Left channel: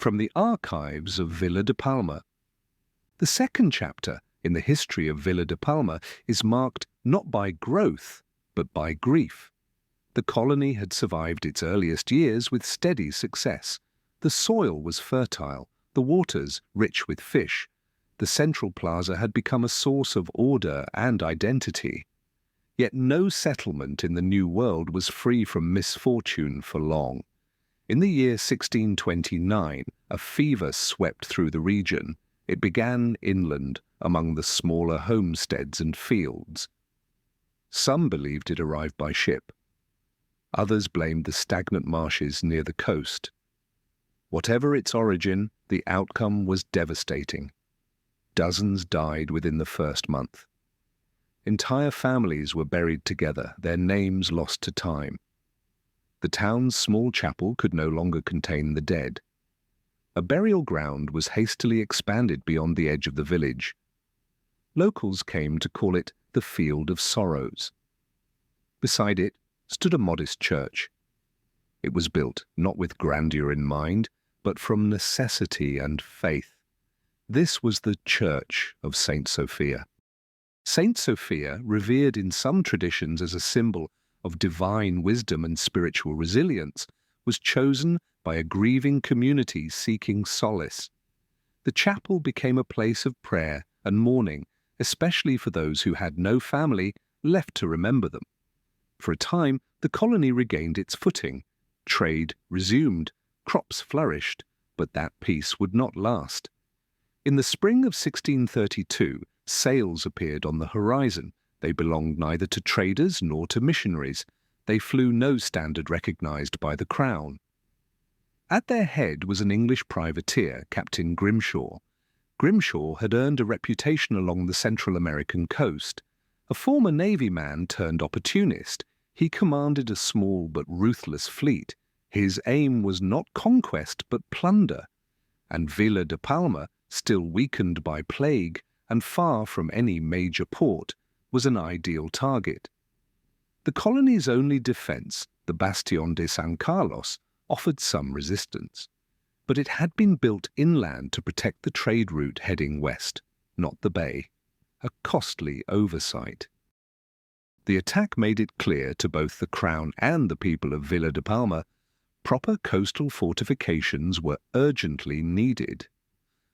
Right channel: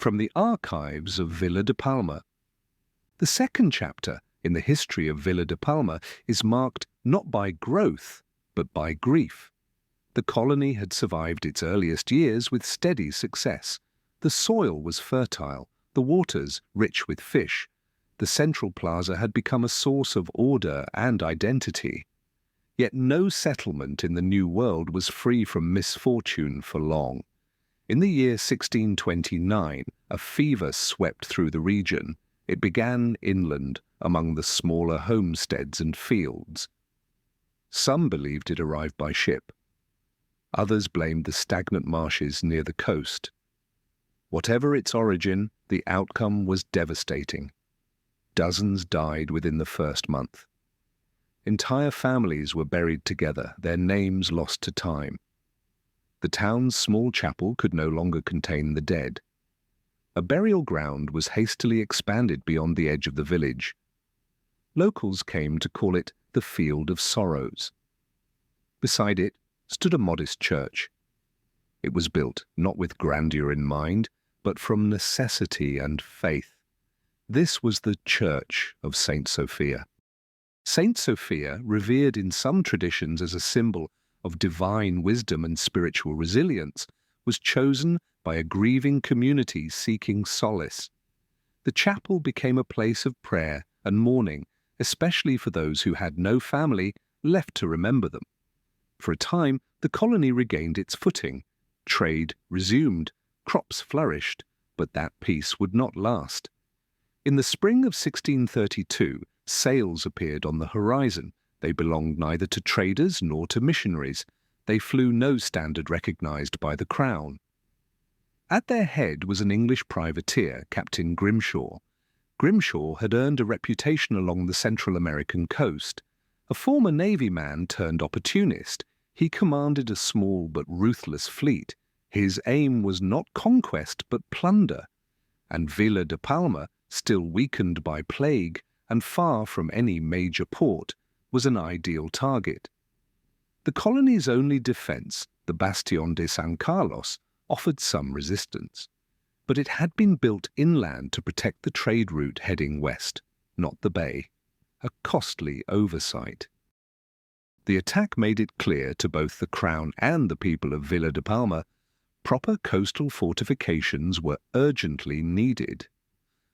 from the archives of Villa de Palma. The second chapter in the history of Villa de Palma is marked not by growth, but by grief. The colony had survived its earliest years with steady success. The soil was fertile, the waters rich with fish. The central plaza had become a source of order and identity. Yet no settlement in the New World was free from misfortune for long. In the year 1629, a fever swept through the region. It began inland, among the smaller homesteads and fields. Some believed it arrived by ship. Others blamed the stagnant marshes near the coast. Whatever its origin, the outcome was devastating. Dozens died within the first month. Entire families were buried together, their names lost to time. The town's small chapel could no longer contain the dead. A burial ground was hastily expanded beyond the edge of the village. Locals came to call it the Field of Sorrows. Beside it stood a modest church. It was built not with grandeur in mind, but from necessity and faith. This was the Church of Saint Sophia. Saint Sophia, revered in some traditions as a symbol of divine wisdom and spiritual resilience, was chosen by a grieving community seeking solace. The chapel became a place of prayer and mourning, especially for those who had no family left to remember them. For a time, the colony regained its footing. Trade resumed, crops flourished, but that peace would not last. In the spring of 1632, sails appeared on the horizon. They belonged neither to traders nor to missionaries. They flew no standard recognized by the Crown. At their head was an English privateer, Captain Grimshaw. Grimshaw had earned a reputation along the Central American coast. A former Navy man turned opportunist, he commanded a small but ruthless fleet. His aim was not conquest but plunder. And Villa de Palma, still weakened by plague and far from any major port, was an ideal target. The colony's only defense, the Bastión de San Carlos, offered some resistance. But it had been built inland to protect the trade route heading west, not the bay. A costly oversight. The attack made it clear to both the Crown and the people of Villa de Palma proper coastal fortifications were urgently needed.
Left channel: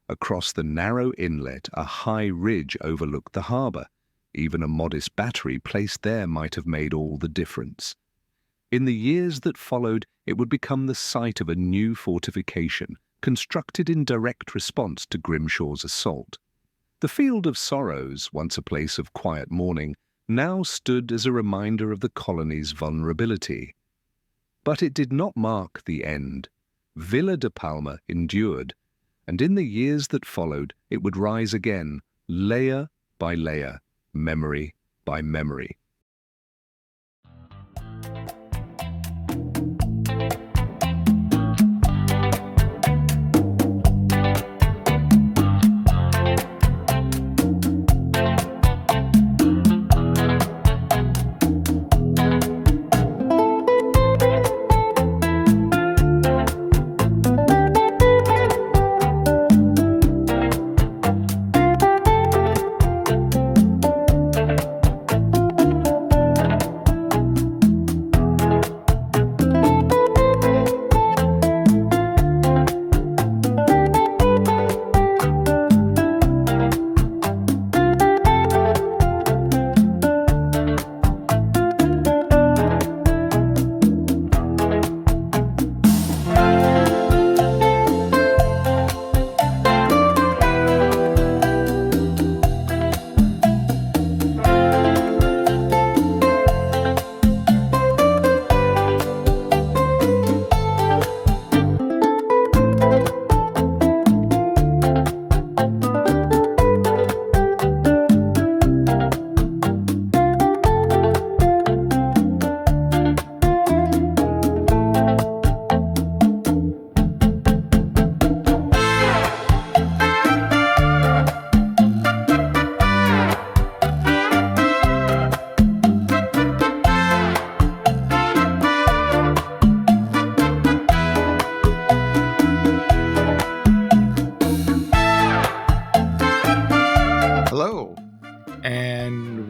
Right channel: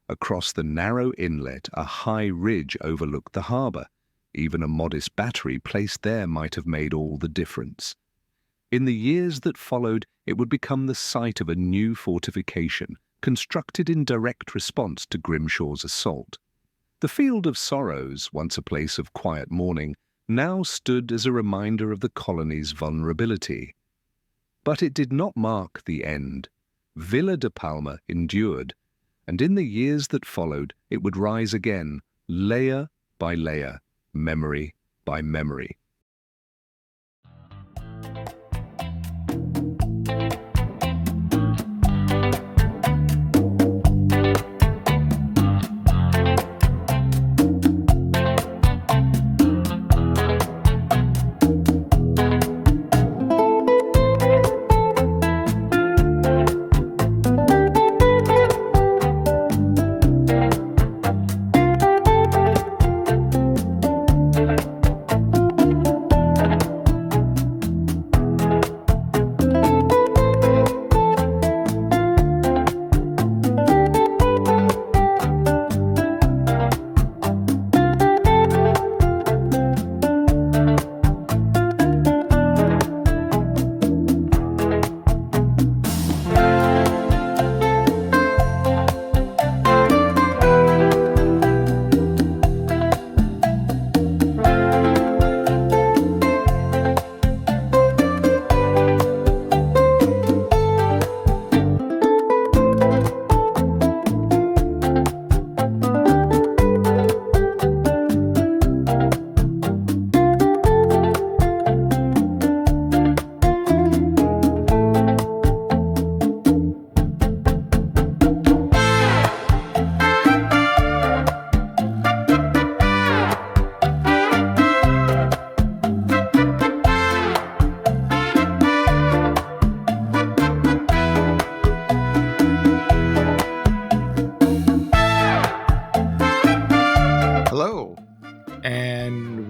Across the narrow inlet, a high ridge overlooked the harbour. Even a modest battery placed there might have made all the difference. In the years that followed, it would become the site of a new fortification, constructed in direct response to Grimshaw's assault. The Field of Sorrows, once a place of quiet mourning, now stood as a reminder of the colony's vulnerability. But it did not mark the end. Villa de Palma endured, and in the years that followed, it would rise again, layer by layer, memory by memory.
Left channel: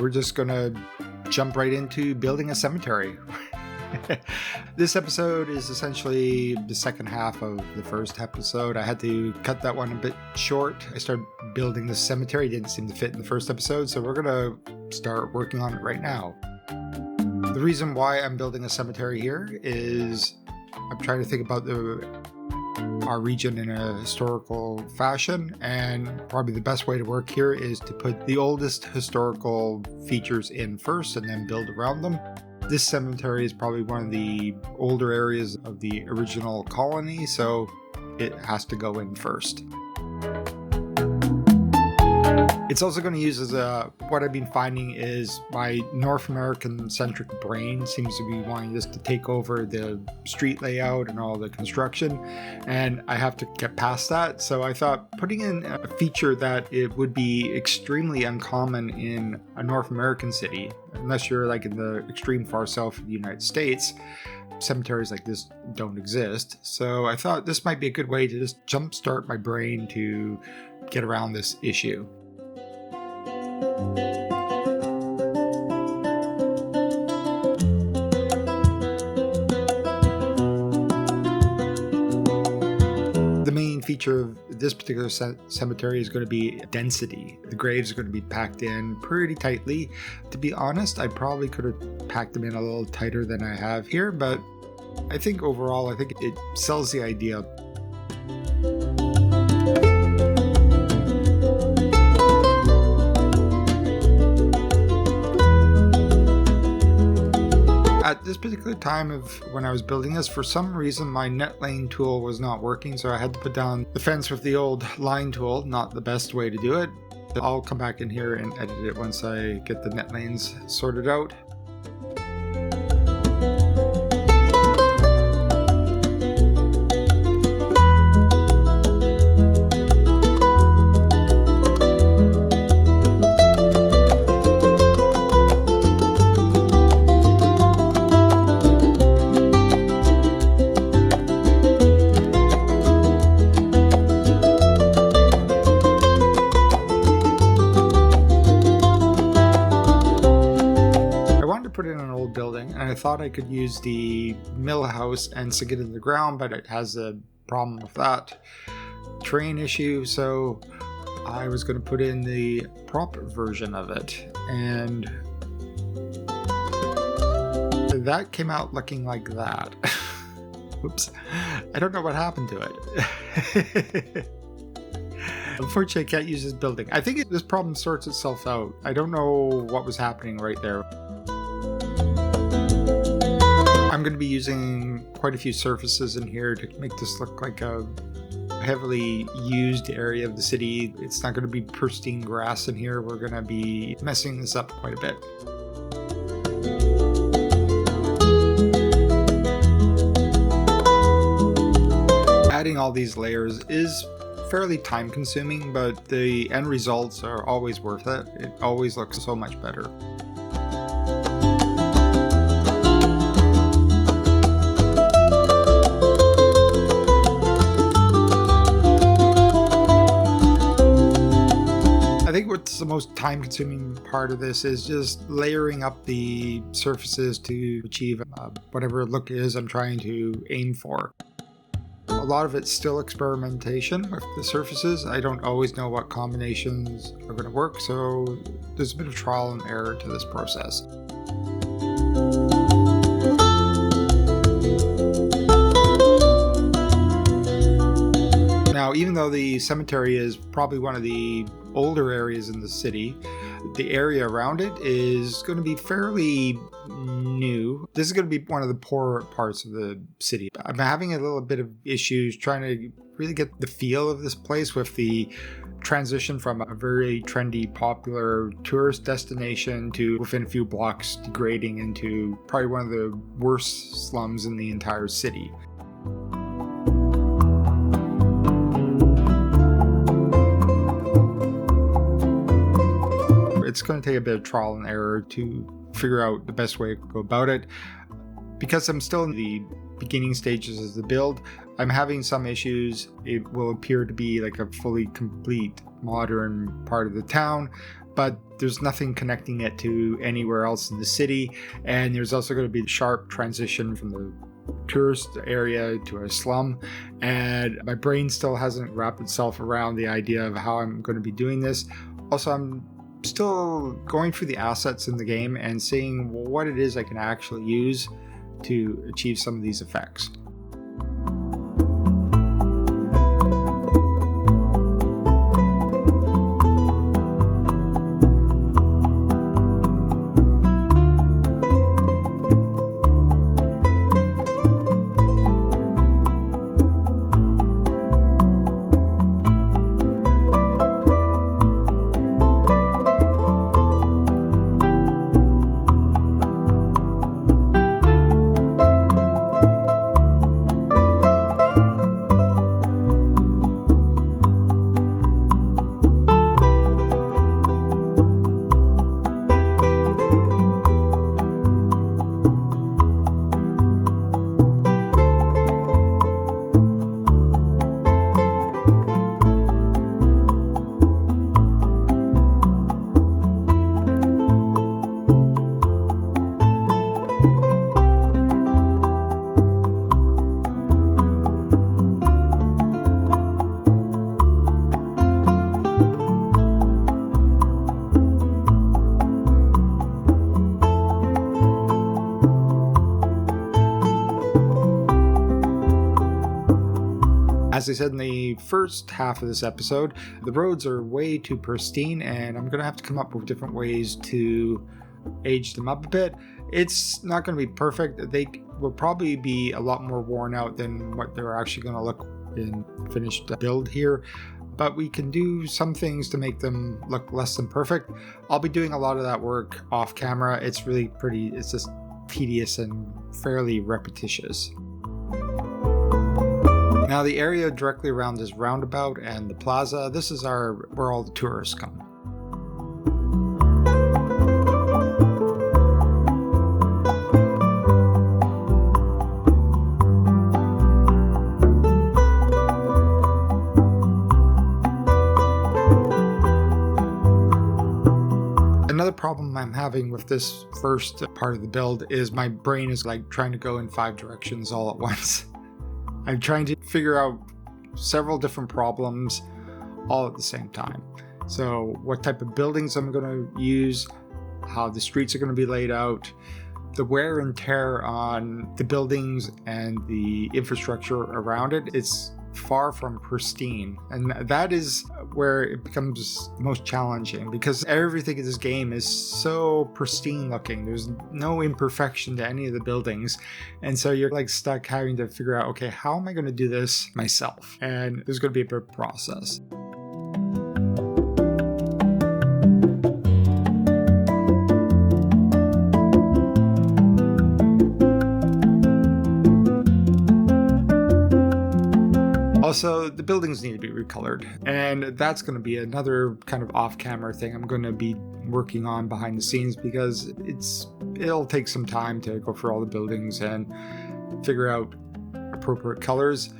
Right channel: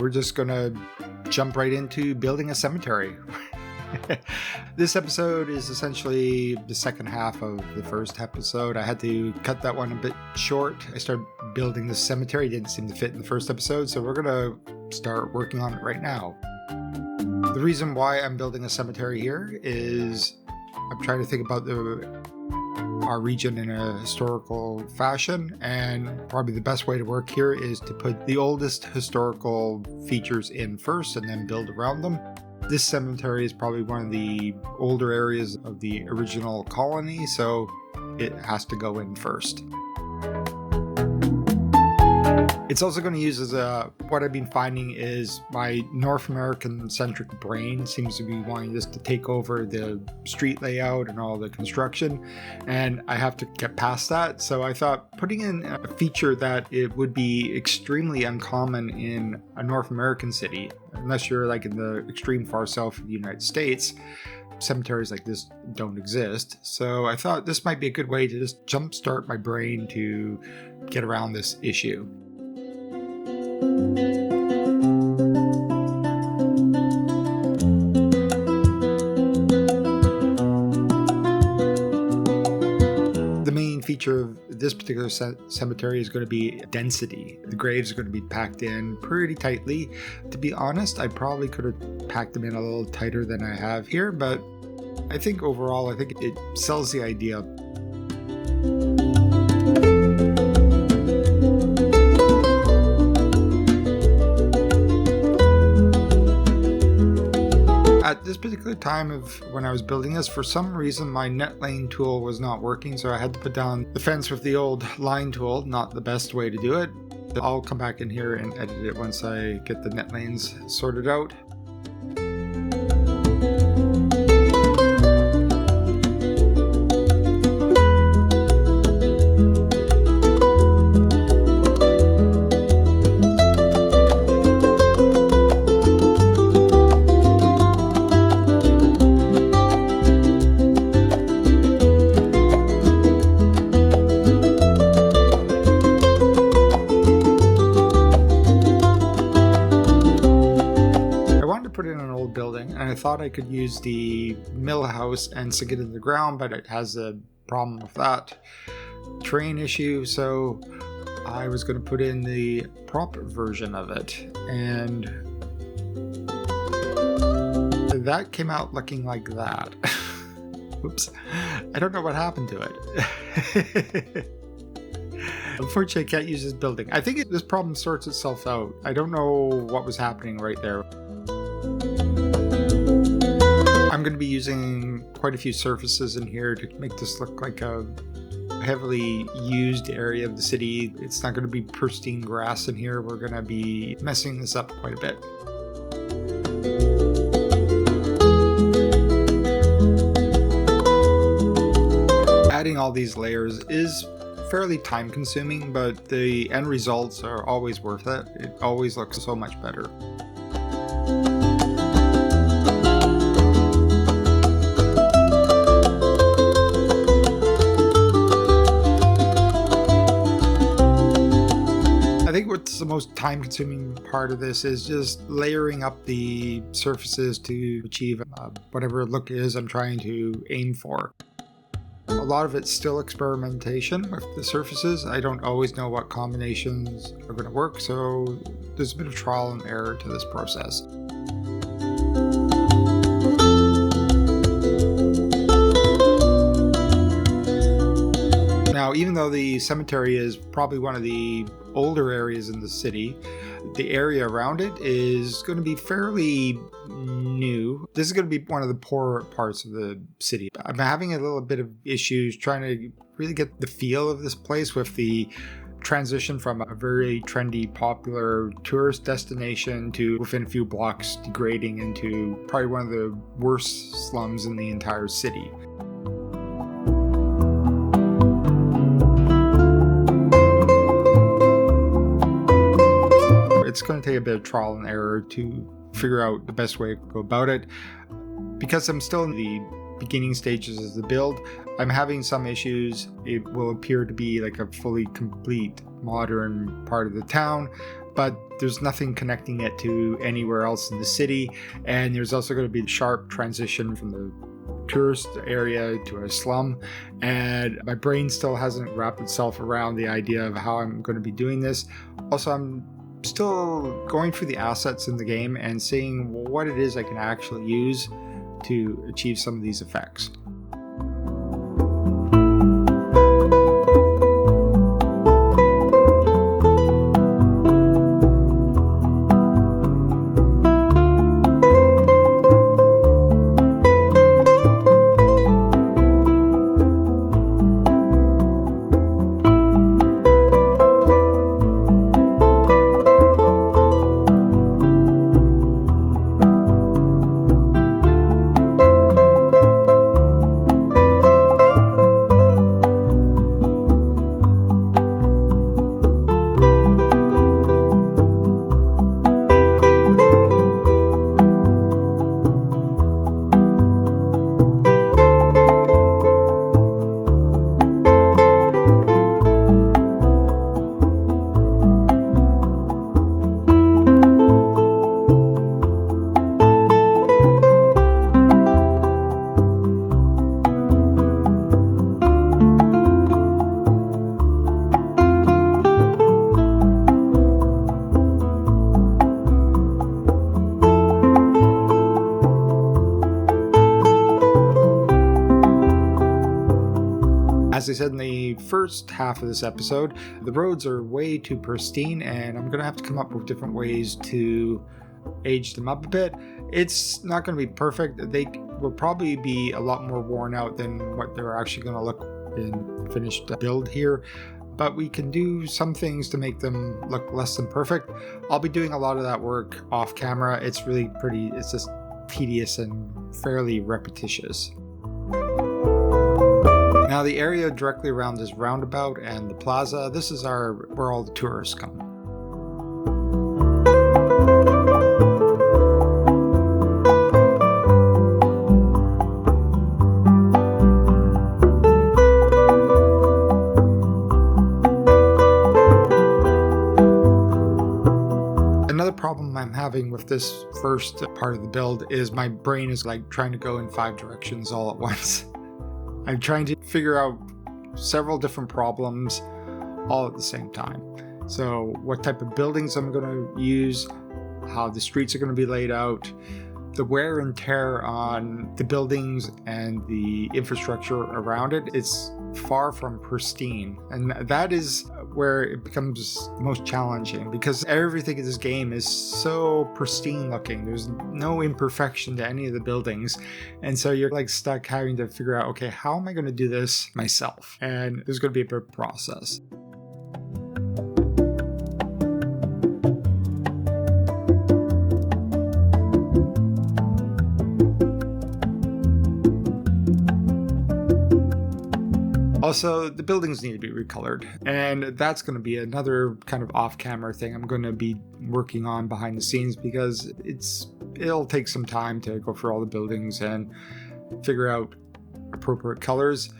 we're just going to jump right into building a cemetery. This episode is essentially the second half of the first episode. I had to cut that one a bit short. I started building this cemetery. It didn't seem to fit in the first episode, so we're going to start working on it right now. The reason why I'm building a cemetery here is I'm trying to think about our region in a historical fashion, and probably the best way to work here is to put the oldest historical features in first and then build around them. This cemetery is probably one of the older areas of the original colony, so it has to go in first. It's also going to use as what I've been finding is my North American centric brain seems to be wanting this to take over the street layout and all the construction, and I have to get past that. So I thought putting in a feature that it would be extremely uncommon in a North American city, unless you're like in the extreme far south of the United States. Cemeteries like this don't exist. So I thought this might be a good way to just jumpstart my brain to get around this issue. The main feature of this particular cemetery is going to be density. The graves are going to be packed in pretty tightly. To be honest, I probably could have packed them in a little tighter than I have here, but I think overall, I think it sells the idea. At this particular time of when I was building this, for some reason my net lane tool was not working, so I had to put down the fence with the old line tool. Not the best way to do it. I'll come back in here and edit it once I get the net lanes sorted out. Put in an old building, and I thought I could use the mill house and sink it in the ground, but it has a problem with that terrain issue, so I was going to put in the prop version of it, and that came out looking like that. Whoops, I don't know what happened to it. Unfortunately, I can't use this building. I think this problem sorts itself out. I don't know what was happening right there. I'm going to be using quite a few surfaces in here to make this look like a heavily used area of the city. It's not going to be pristine grass in here. We're going to be messing this up quite a bit. Adding all these layers is fairly time consuming, but the end results are always worth it. It always looks so much better. I think what's the most time-consuming part of this is just layering up the surfaces to achieve whatever look it is I'm trying to aim for. A lot of it's still experimentation with the surfaces. I don't always know what combinations are going to work, so there's a bit of trial and error to this process. Now, even though the cemetery is probably one of the older areas in the city, the area around it is going to be fairly new. This is going to be one of the poorer parts of the city. I'm having a little bit of issues trying to really get the feel of this place with the transition from a very trendy, popular tourist destination to within a few blocks degrading into probably one of the worst slums in the entire city. It's going to take a bit of trial and error to figure out the best way to go about it. Because I'm still in the beginning stages of the build, I'm having some issues. It will appear to be like a fully complete modern part of the town, but there's nothing connecting it to anywhere else in the city. And there's also going to be a sharp transition from the tourist area to a slum, and my brain still hasn't wrapped itself around the idea of how I'm going to be doing this. Also, I'm still going through the assets in the game and seeing what it is I can actually use to achieve some of these effects. As I said in the first half of this episode, the roads are way too pristine, and I'm going to have to come up with different ways to age them up a bit. It's not going to be perfect. They will probably be a lot more worn out than what they're actually going to look in finished build here, but we can do some things to make them look less than perfect. I'll be doing a lot of that work off camera. It's just tedious and fairly repetitious. Now, the area directly around this roundabout and the plaza, this is where all the tourists come. Another problem I'm having with this first part of the build is my brain is like trying to go in 5 directions all at once. I'm trying to figure out several different problems all at the same time. So what type of buildings I'm going to use, how the streets are going to be laid out, the wear and tear on the buildings and the infrastructure around it. It's far from pristine, and that is where it becomes most challenging, because everything in this game is so pristine looking. There's no imperfection to any of the buildings, and so you're like stuck having to figure out, okay, how am I going to do this myself? And there's going to be a big process. Also, the buildings need to be recolored, and that's going to be another kind of off-camera thing I'm going to be working on behind the scenes, because it'll take some time to go through all the buildings and figure out appropriate colors.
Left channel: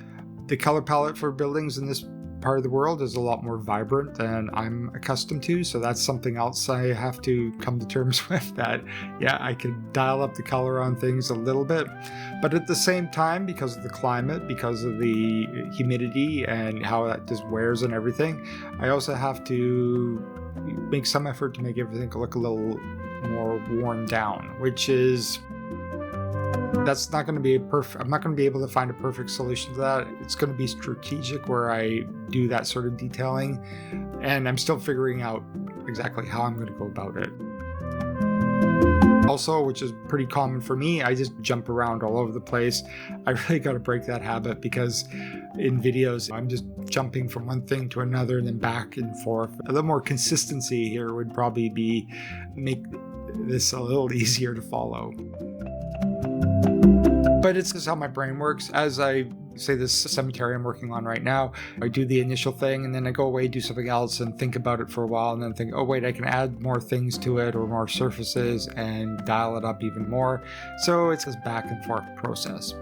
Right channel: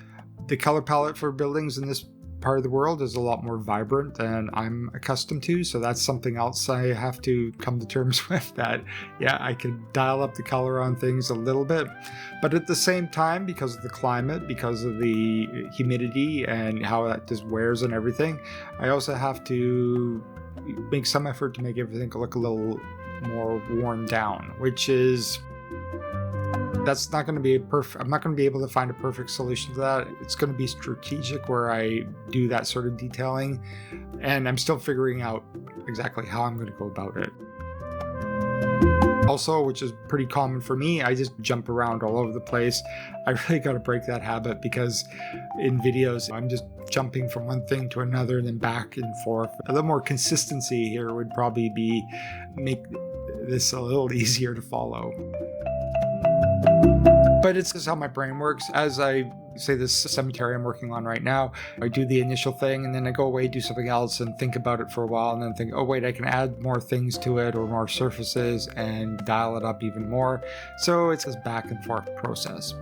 The color palette for buildings in this part of the world is a lot more vibrant than I'm accustomed to, so that's something else I have to come to terms with, that yeah, I can dial up the color on things a little bit, but at the same time, because of the climate, because of the humidity and how that just wears and everything, I also have to make some effort to make everything look a little more worn down, that's not going to be I'm not going to be able to find a perfect solution to that. It's going to be strategic where I do that sort of detailing, and I'm still figuring out exactly how I'm going to go about it. Also, which is pretty common for me, I just jump around all over the place. I really got to break that habit, because in videos, I'm just jumping from one thing to another and then back and forth. A little more consistency here would probably make this a little easier to follow. But it's just how my brain works. As I say, this cemetery I'm working on right now, I do the initial thing, and then I go away, do something else, and think about it for a while, and then think, oh wait, I can add more things to it, or more surfaces, and dial it up even more. So it's this back and forth process.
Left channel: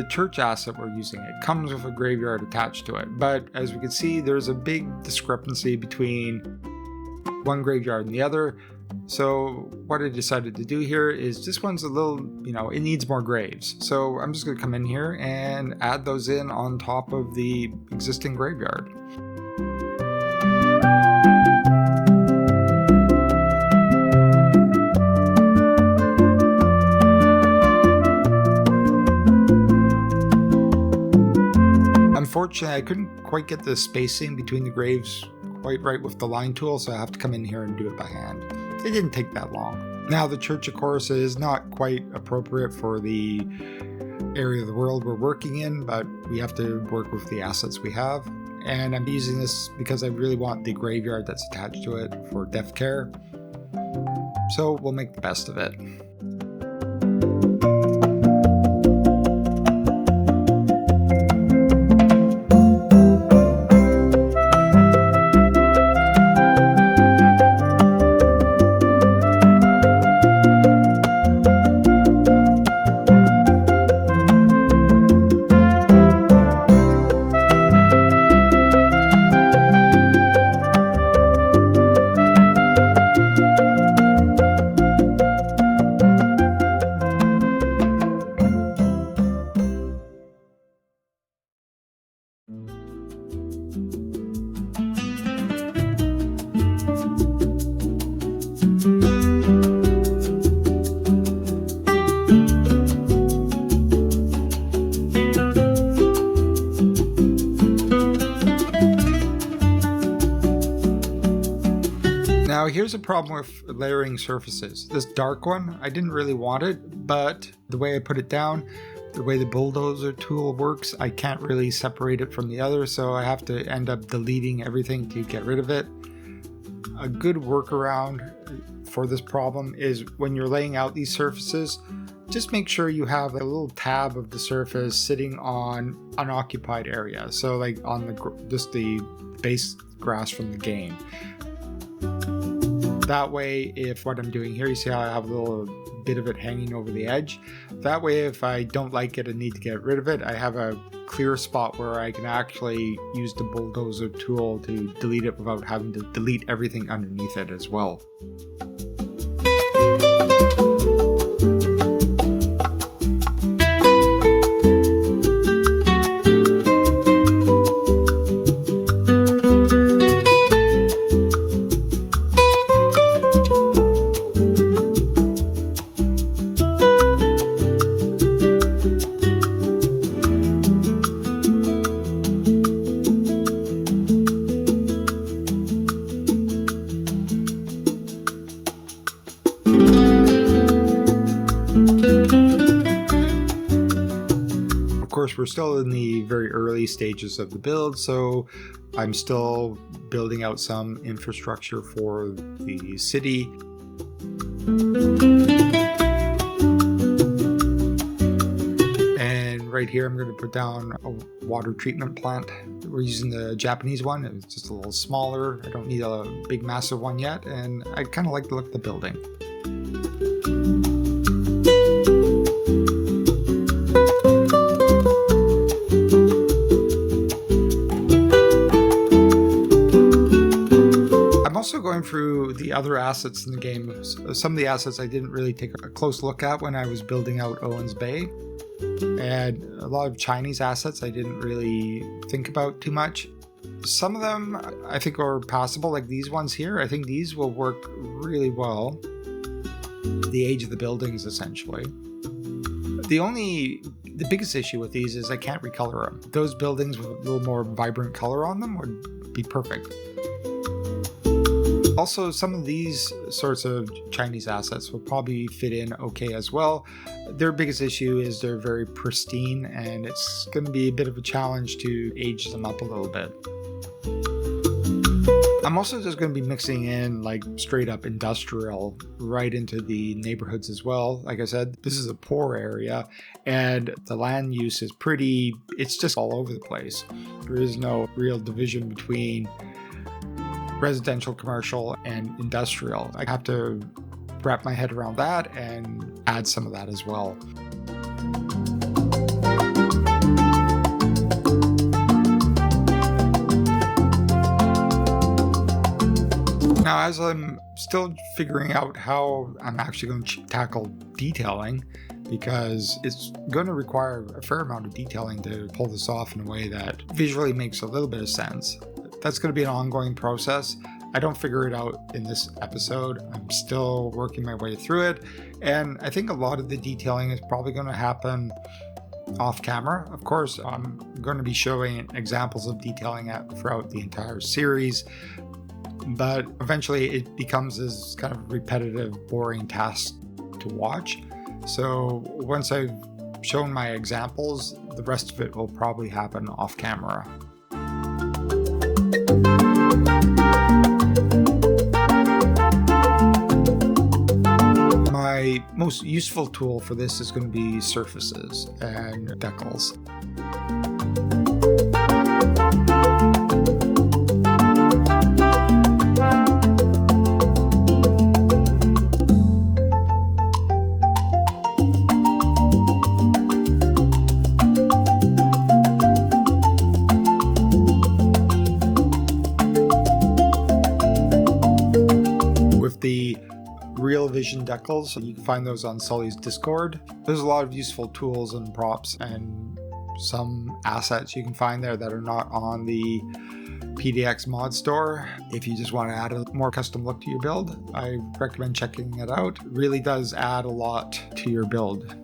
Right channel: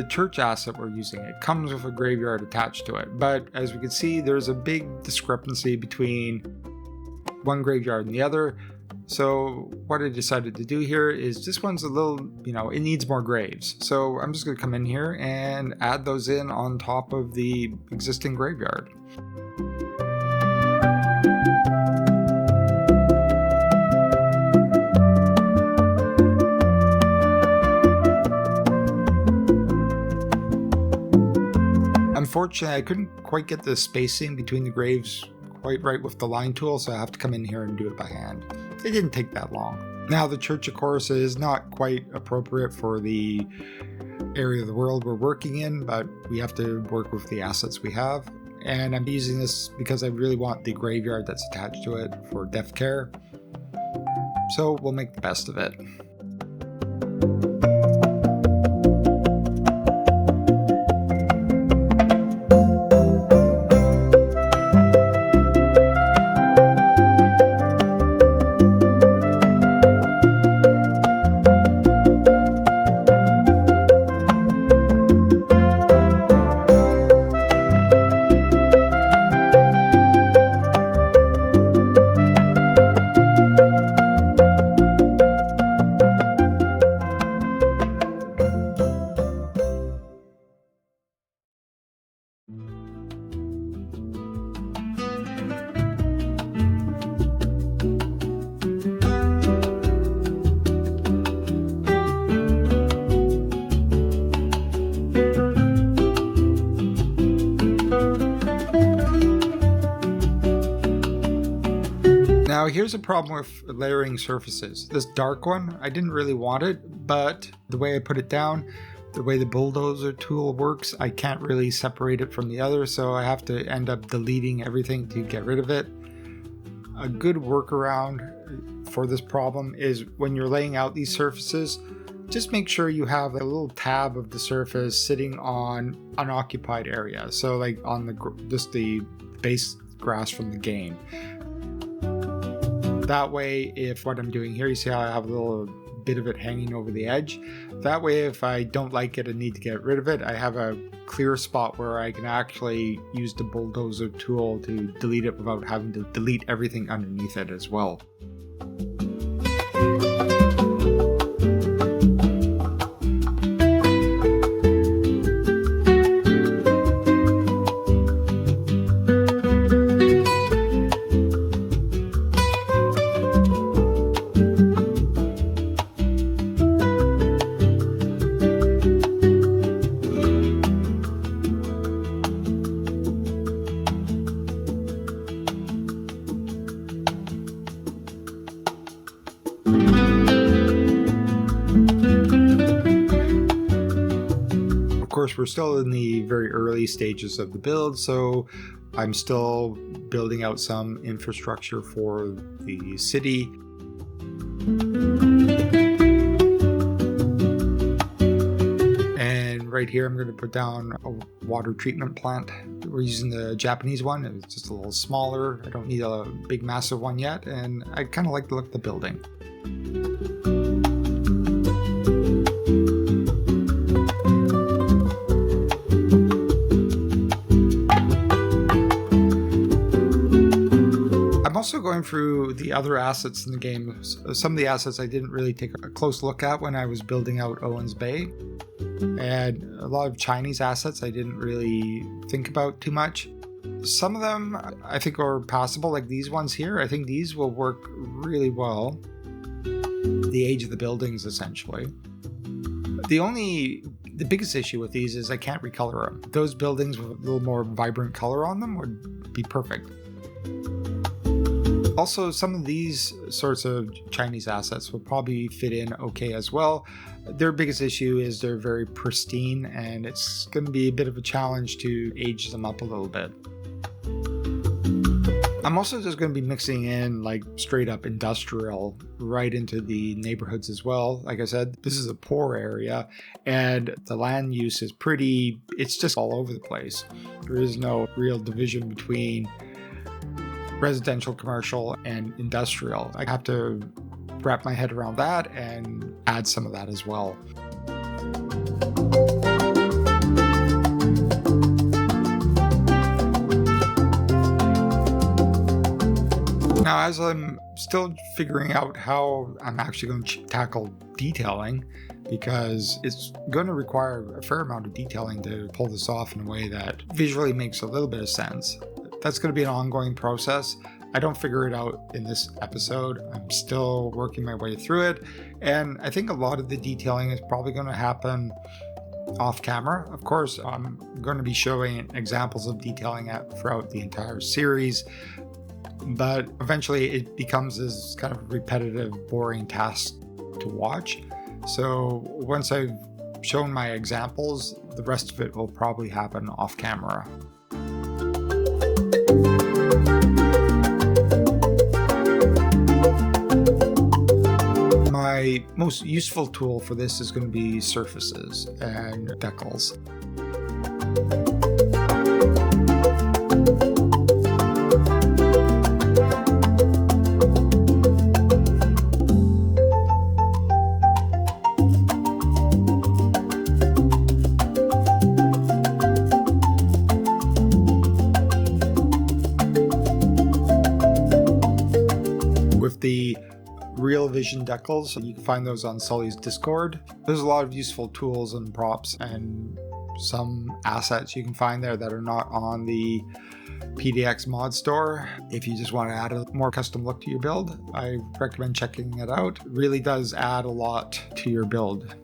the church asset we're using. It comes with a graveyard attached to it. But as we can see, there's a big discrepancy between one graveyard and the other. So what I decided to do here is this one's a little, it needs more graves. So I'm just going to come in here and add those in on top of the existing graveyard. Unfortunately, I couldn't quite get the spacing between the graves quite right with the line tool, so I have to come in here and do it by hand. It didn't take that long. Now, the church, of course, is not quite appropriate for the area of the world we're working in, but we have to work with the assets we have. And I'm using this because I really want the graveyard that's attached to it for death care. So we'll make the best of it. Now here's a problem with layering surfaces. This dark one, I didn't really want it, but the way I put it down, the way the bulldozer tool works, I can't really separate it from the other, so I have to end up deleting everything to get rid of it. A good workaround for this problem is when you're laying out these surfaces, just make sure you have a little tab of the surface sitting on unoccupied area. So like on just the base grass from the game. That way, if what I'm doing here, you see how I have a little bit of it hanging over the edge. That way, if I don't like it and need to get rid of it, I have a clear spot where I can actually use the bulldozer tool to delete it without having to delete everything underneath it as well. Of course, we're still in the very early stages of the build, so I'm still building out some infrastructure for the city. And right here, I'm going to put down a water treatment plant. We're using the Japanese one. It's just a little smaller. I don't need a big, massive one yet, and I kind of like the look of the building. I'm also going through the other assets in the game. Some of the assets I didn't really take a close look at when I was building out Owen's Bay. And a lot of Chinese assets I didn't really think about too much. Some of them I think are passable, like these ones here. I think these will work really well. The age of the buildings, essentially. The biggest issue with these is I can't recolor them. Those buildings with a little more vibrant color on them would be perfect. Also, some of these sorts of Chinese assets will probably fit in okay as well. Their biggest issue is they're very pristine, and it's going to be a bit of a challenge to age them up a little bit. I'm also just going to be mixing in like straight up industrial right into the neighborhoods as well. Like I said, this is a poor area, and the land use is it's just all over the place. There is no real division between residential, commercial, and industrial. I have to wrap my head around that and add some of that as well. Now, as I'm still figuring out how I'm actually going to tackle detailing, because it's going to require a fair amount of detailing to pull this off in a way that visually makes a little bit of sense. That's going to be an ongoing process. I don't figure it out in this episode. I'm still working my way through it. And I think a lot of the detailing is probably going to happen off camera. Of course, I'm going to be showing examples of detailing throughout the entire series, but eventually it becomes this kind of repetitive, boring task to watch. So once I've shown my examples, the rest of it will probably happen off camera. My most useful tool for this is going to be surfaces and decals. With the Real Vision decals, you can find those on Sully's Discord. There's a lot of useful tools and props and some assets you can find there that are not on the PDX mod store. If you just want to add a more custom look to your build, I recommend checking it out. It really does add a lot to your build.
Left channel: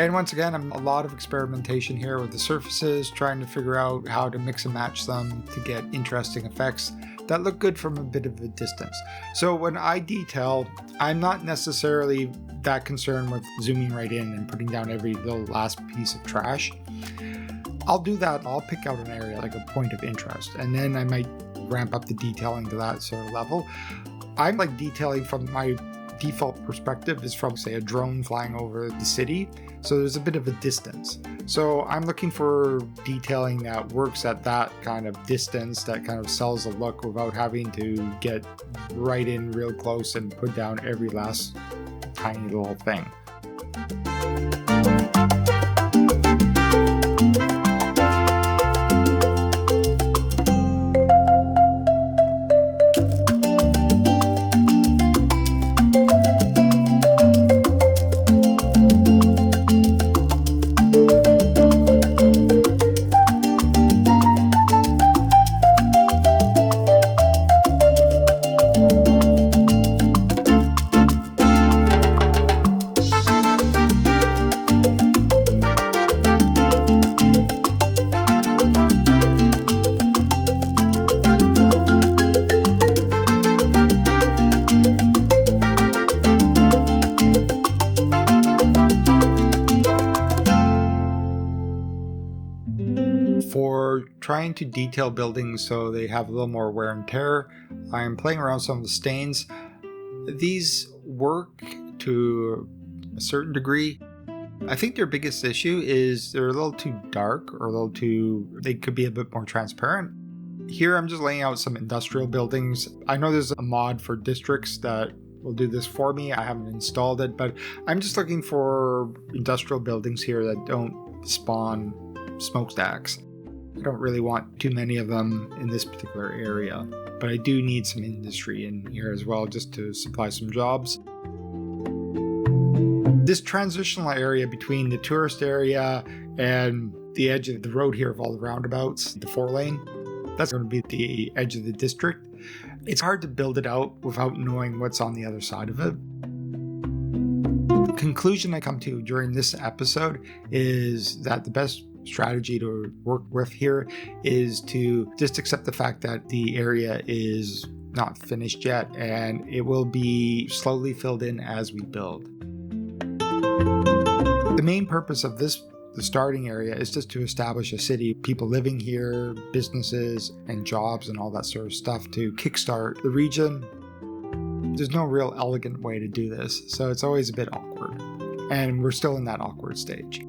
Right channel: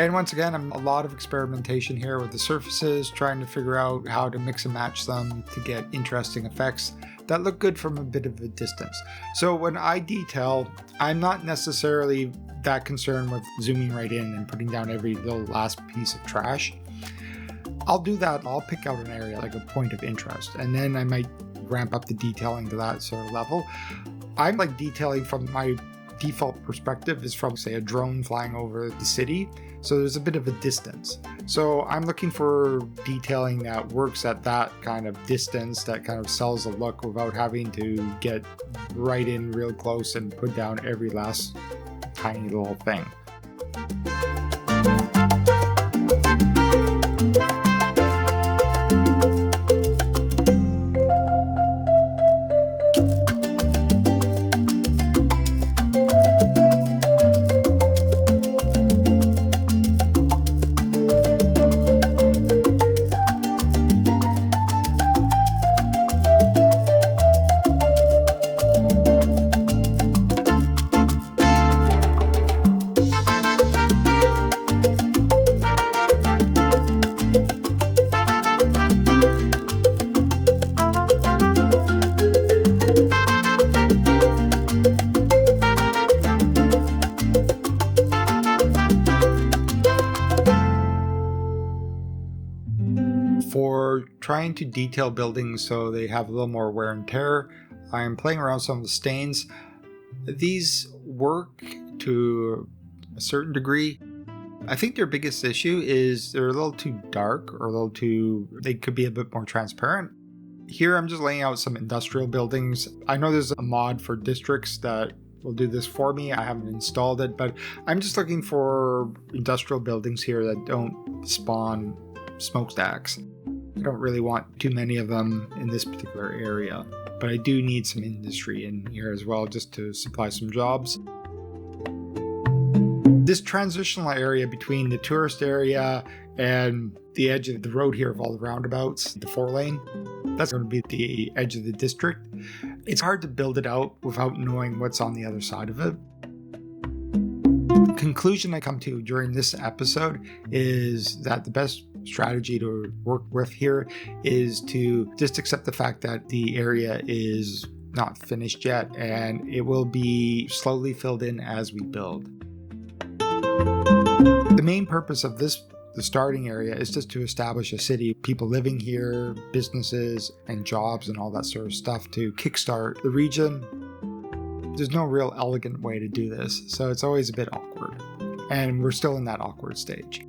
And once again, a lot of experimentation here with the surfaces, trying to figure out how to mix and match them to get interesting effects that look good from a bit of a distance. So when I detail, I'm not necessarily that concerned with zooming right in and putting down every little last piece of trash. I'll do that. I'll pick out an area like a point of interest, and then I might ramp up the detailing to that sort of level. I'm like detailing from my default perspective is from, say, a drone flying over the city. So there's a bit of a distance. So I'm looking for detailing that works at that kind of distance, that kind of sells a look without having to get right in real close and put down every last tiny little thing. For trying to detail buildings so they have a little more wear and tear, I'm playing around with some of the stains. These work to a certain degree. I think their biggest issue is they're a little too dark, or they could be a bit more transparent. Here I'm just laying out some industrial buildings. I know there's a mod for districts that will do this for me. I haven't installed it, but I'm just looking for industrial buildings here that don't spawn smokestacks. I don't really want too many of them in this particular area, but I do need some industry in here as well, just to supply some jobs. This transitional area between the tourist area and the edge of the road here of all the roundabouts, the 4-lane, that's going to be the edge of the district. It's hard to build it out without knowing what's on the other side of it. The conclusion I come to during this episode is that the best strategy to work with here is to just accept the fact that the area is not finished yet, and it will be slowly filled in as we build. The main purpose of the starting area is just to establish a city, people living here, businesses and jobs and all that sort of stuff to kickstart the region. There's no real elegant way to do this, so it's always a bit awkward. And we're still in that awkward stage.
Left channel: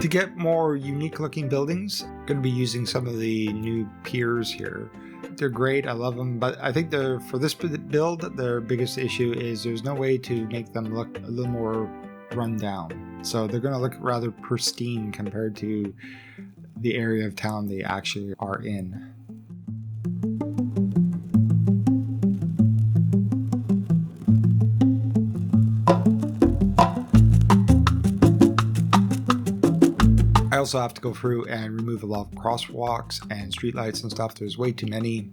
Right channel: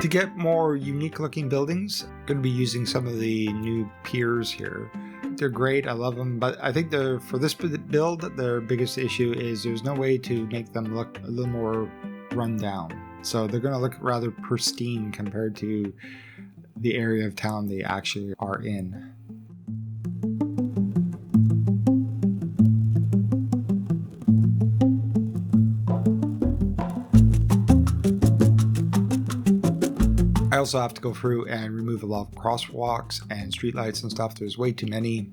To get more unique looking buildings, I'm going to be using some of the new piers here. They're great, I love them, but I think for this build, their biggest issue is there's no way to make them look a little more run down. So they're going to look rather pristine compared to the area of town they actually are in. I also have to go through and remove a lot of crosswalks and streetlights and stuff. There's way too many.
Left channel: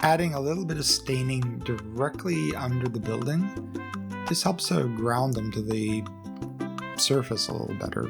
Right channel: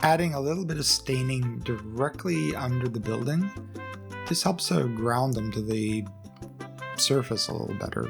Adding a little bit of staining directly under the building, this helps to ground them to the surface a little better.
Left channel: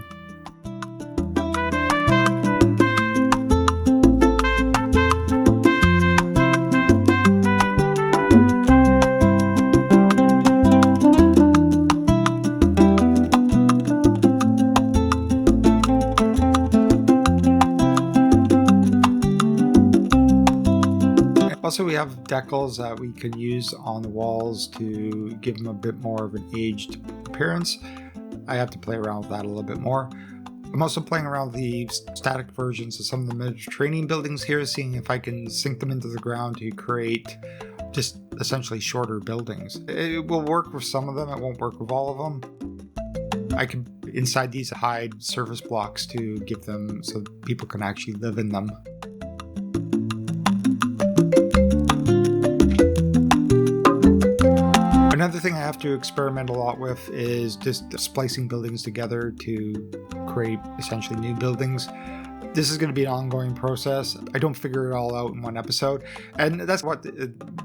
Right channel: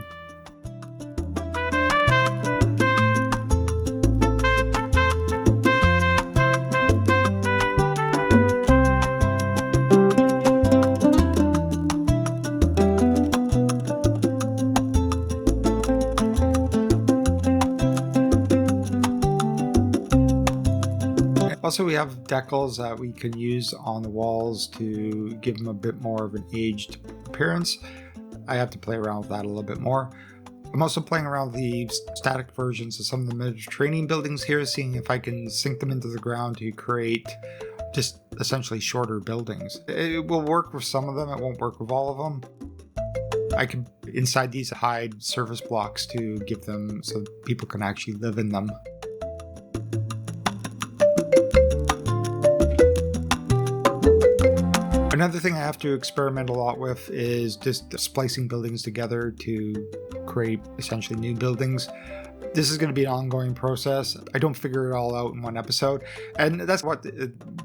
Also, we have decals that we can use on the walls to give them a bit more of an aged appearance. I have to play around with that a little bit more. I'm also playing around with the static versions of some of the Mediterranean buildings here, seeing if I can sink them into the ground to create just essentially shorter buildings. It will work with some of them, it won't work with all of them. I can, inside these, hide surface blocks to give them so people can actually live in them. Another thing I have to experiment a lot with is just splicing buildings together to create essentially new buildings. This is going to be an ongoing process. I don't figure it all out in one episode, and that's what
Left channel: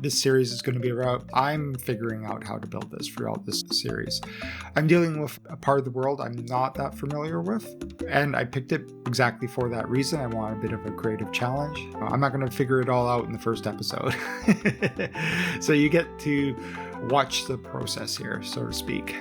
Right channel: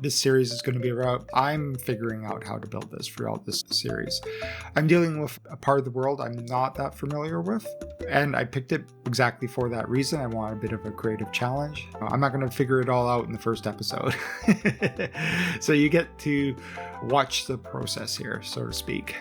this series is going to be about. I'm figuring out how to build this throughout this series. I'm dealing with a part of the world I'm not that familiar with, and I picked it exactly for that reason. I want a bit of a creative challenge. I'm not going to figure it all out in the first episode. So you get to watch the process here, so to speak.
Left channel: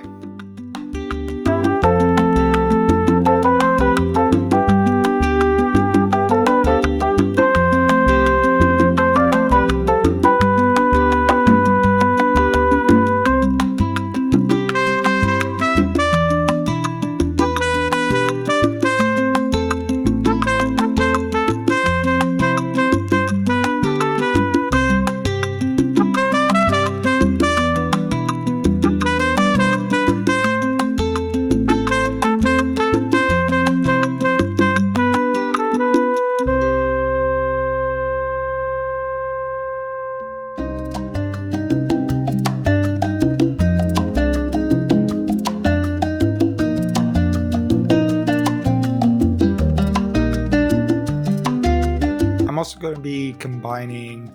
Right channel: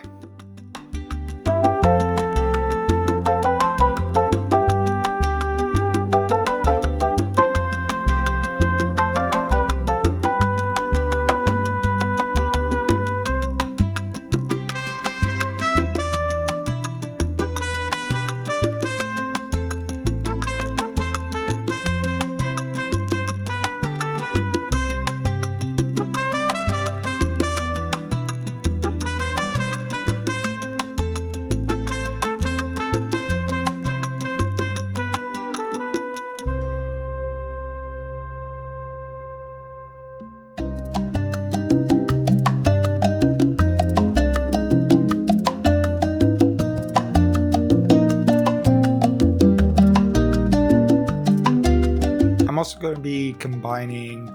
I'm also going to be combining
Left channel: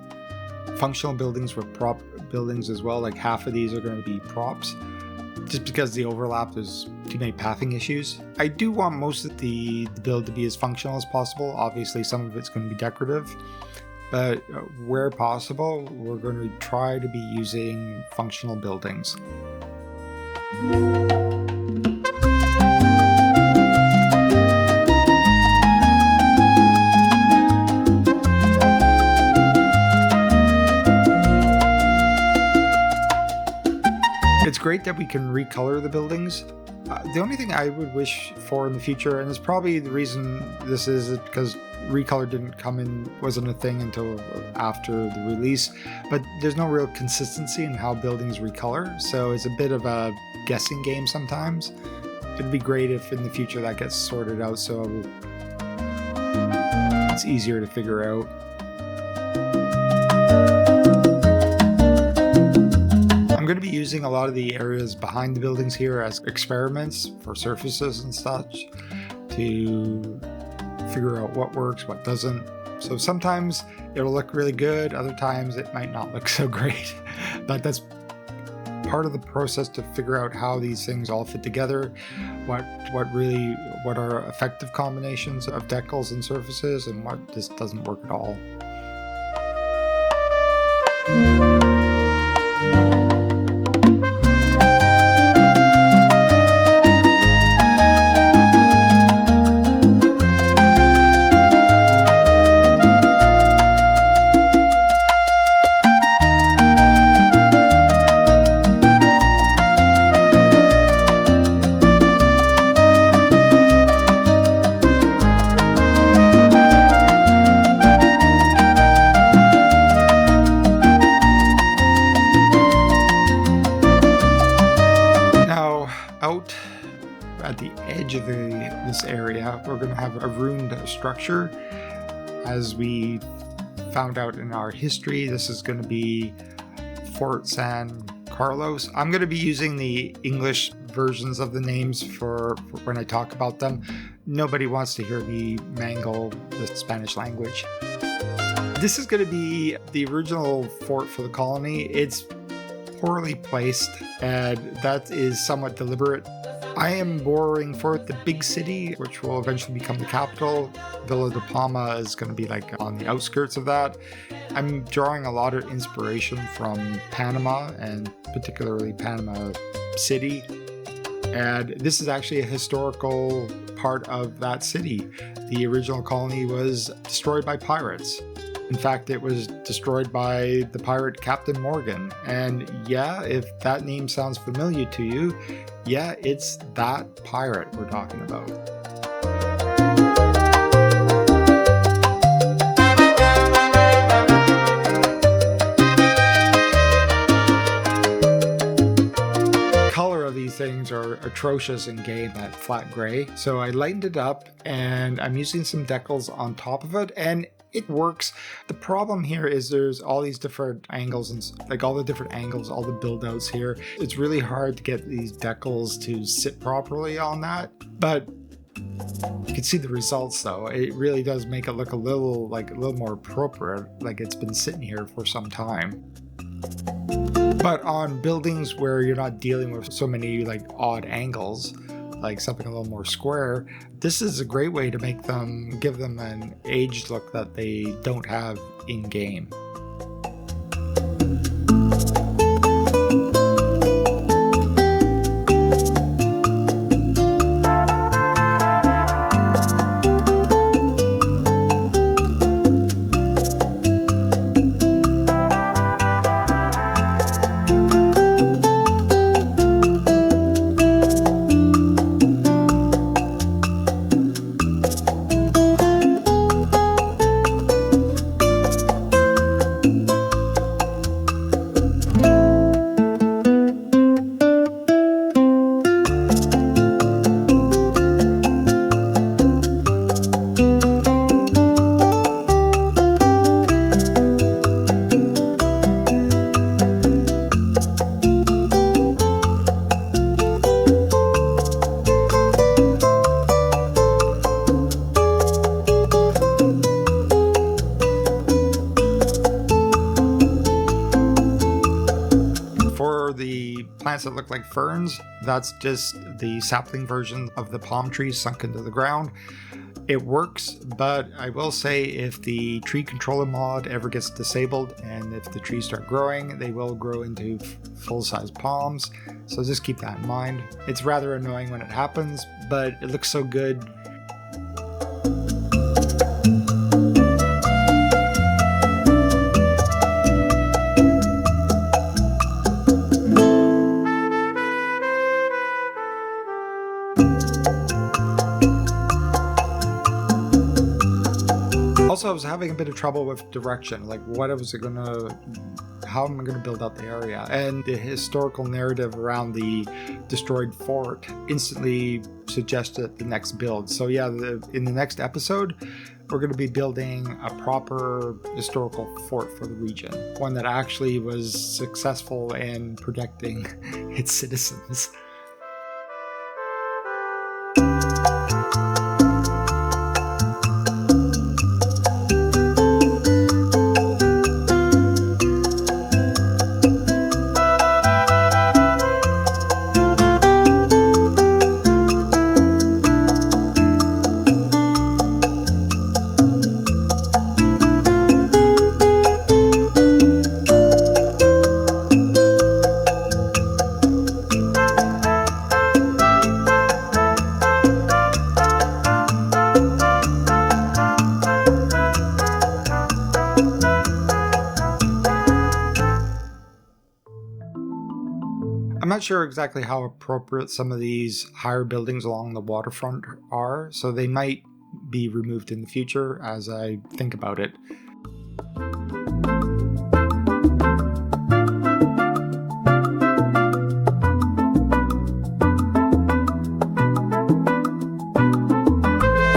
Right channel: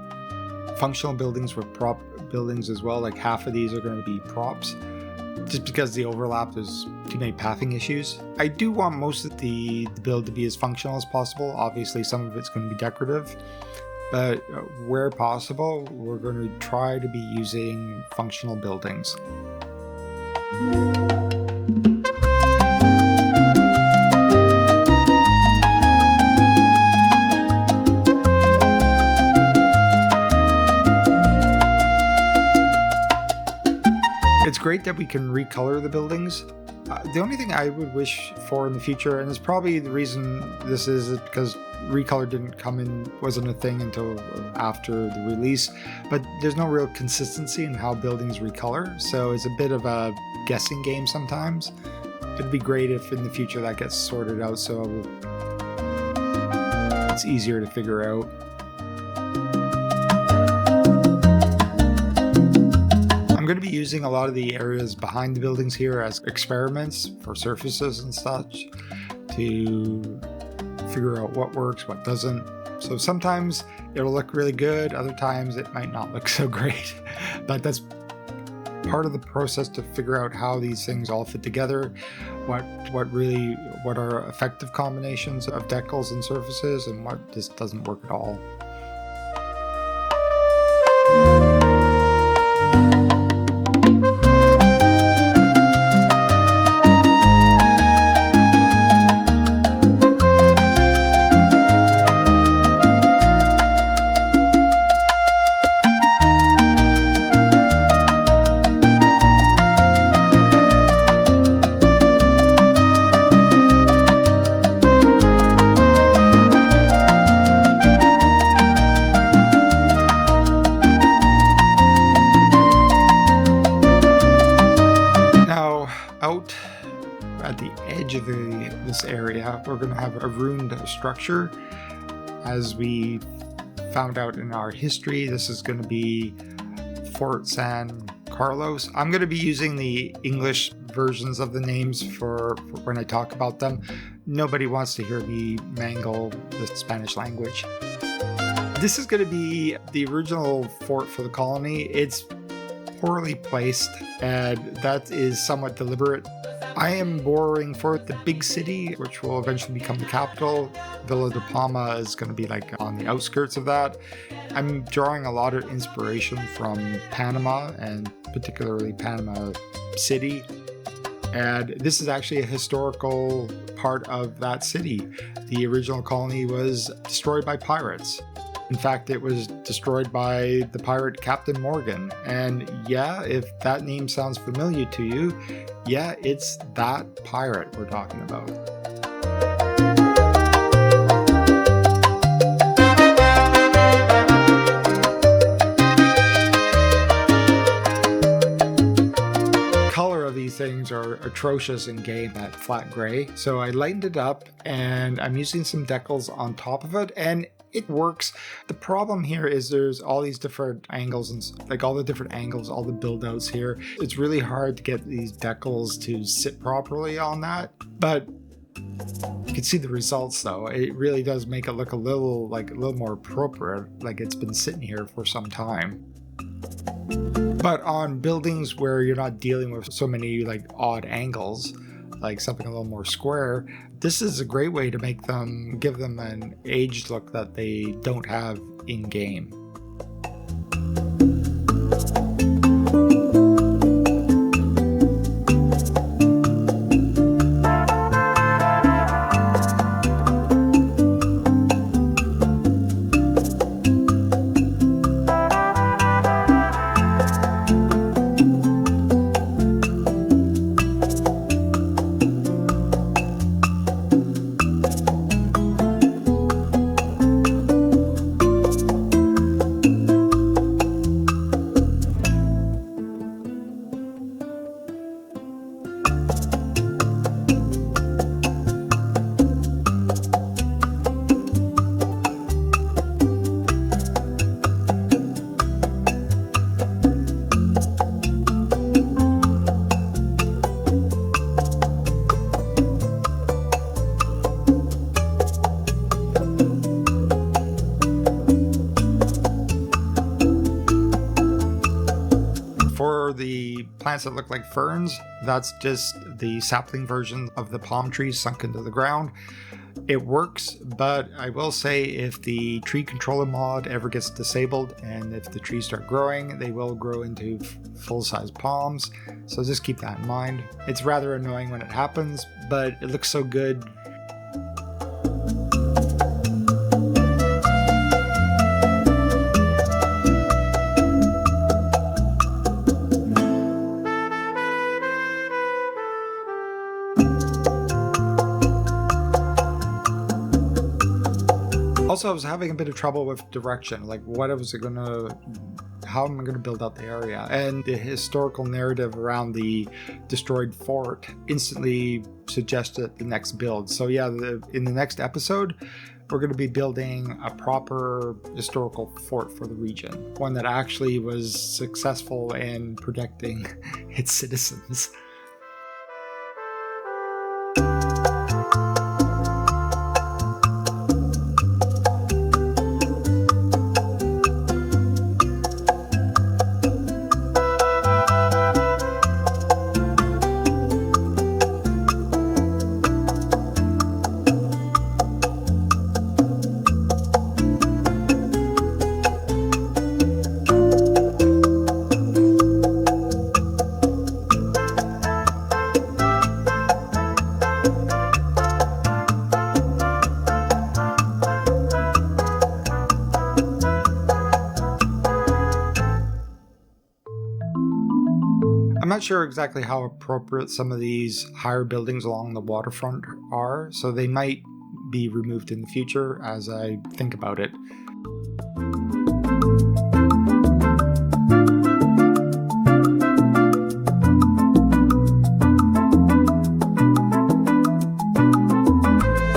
functional buildings with prop buildings as well. Like half of these are going to be props, just because the overlap, there's too many pathing issues. I do want most of the build to be as functional as possible. Obviously, some of it's going to be decorative, but where possible, we're going to try to be using functional buildings. It's great that we can recolor the buildings. The only thing I would wish for in the future, and it's probably the reason this is because recolor wasn't a thing until after the release, but there's no real consistency in how buildings recolor, so it's a bit of a guessing game sometimes. It'd be great if in the future that gets sorted out so it's easier to figure out. I'm going to be using a lot of the areas behind the buildings here as experiments for surfaces and such to figure out what works, what doesn't. So sometimes it'll look really good, other times it might not look so great, but that's part of the process to figure out how these things all fit together, what are effective combinations of decals and surfaces, and what just doesn't work at all. Out at the edge of this area, we're going to have a ruined structure. As we found out in our history, this is going to be Fort San Carlos. I'm going to be using the English versions of the names for when I talk about them. Nobody wants to hear me mangle the Spanish language. This is going to be the original fort for the colony. It's poorly placed, and that is somewhat deliberate. I am borrowing for the big city, which will eventually become the capital. Villa de Palma is going to be like on the outskirts of that. I'm drawing a lot of inspiration from Panama, and particularly Panama City. And this is actually a historical part of that city. The original colony was destroyed by pirates. In fact, it was destroyed by the pirate Captain Morgan. And yeah, if that name sounds familiar to you, yeah, it's that pirate we're talking about. Color of these things are atrocious in game at flat gray, so I lightened it up and I'm using some decals on top of it, and it works. The problem here is there's all these different angles, and like all the different angles, all the build outs here. It's really hard to get these decals to sit properly on that, but you can see the results though. It really does make it look a little more appropriate, like it's been sitting here for some time. But on buildings where you're not dealing with so many like odd angles, like something a little more square, this is a great way to give them an aged look that they don't have in game. For the plants that look like ferns, that's just the sapling version of the palm trees sunk into the ground. It works, but I will say if the tree controller mod ever gets disabled and if the trees start growing, they will grow into full-size palms. So just keep that in mind. It's rather annoying when it happens, but it looks so good. Also, I was having a bit of trouble with direction, like how am I going to build out the area? And the historical narrative around the destroyed fort instantly suggested the next build. So yeah, in the next episode, we're going to be building a proper historical fort for the region, one that actually was successful in protecting its citizens. I'm not sure exactly how appropriate some of these higher buildings along the waterfront are, so they might be removed in the future as I think about it.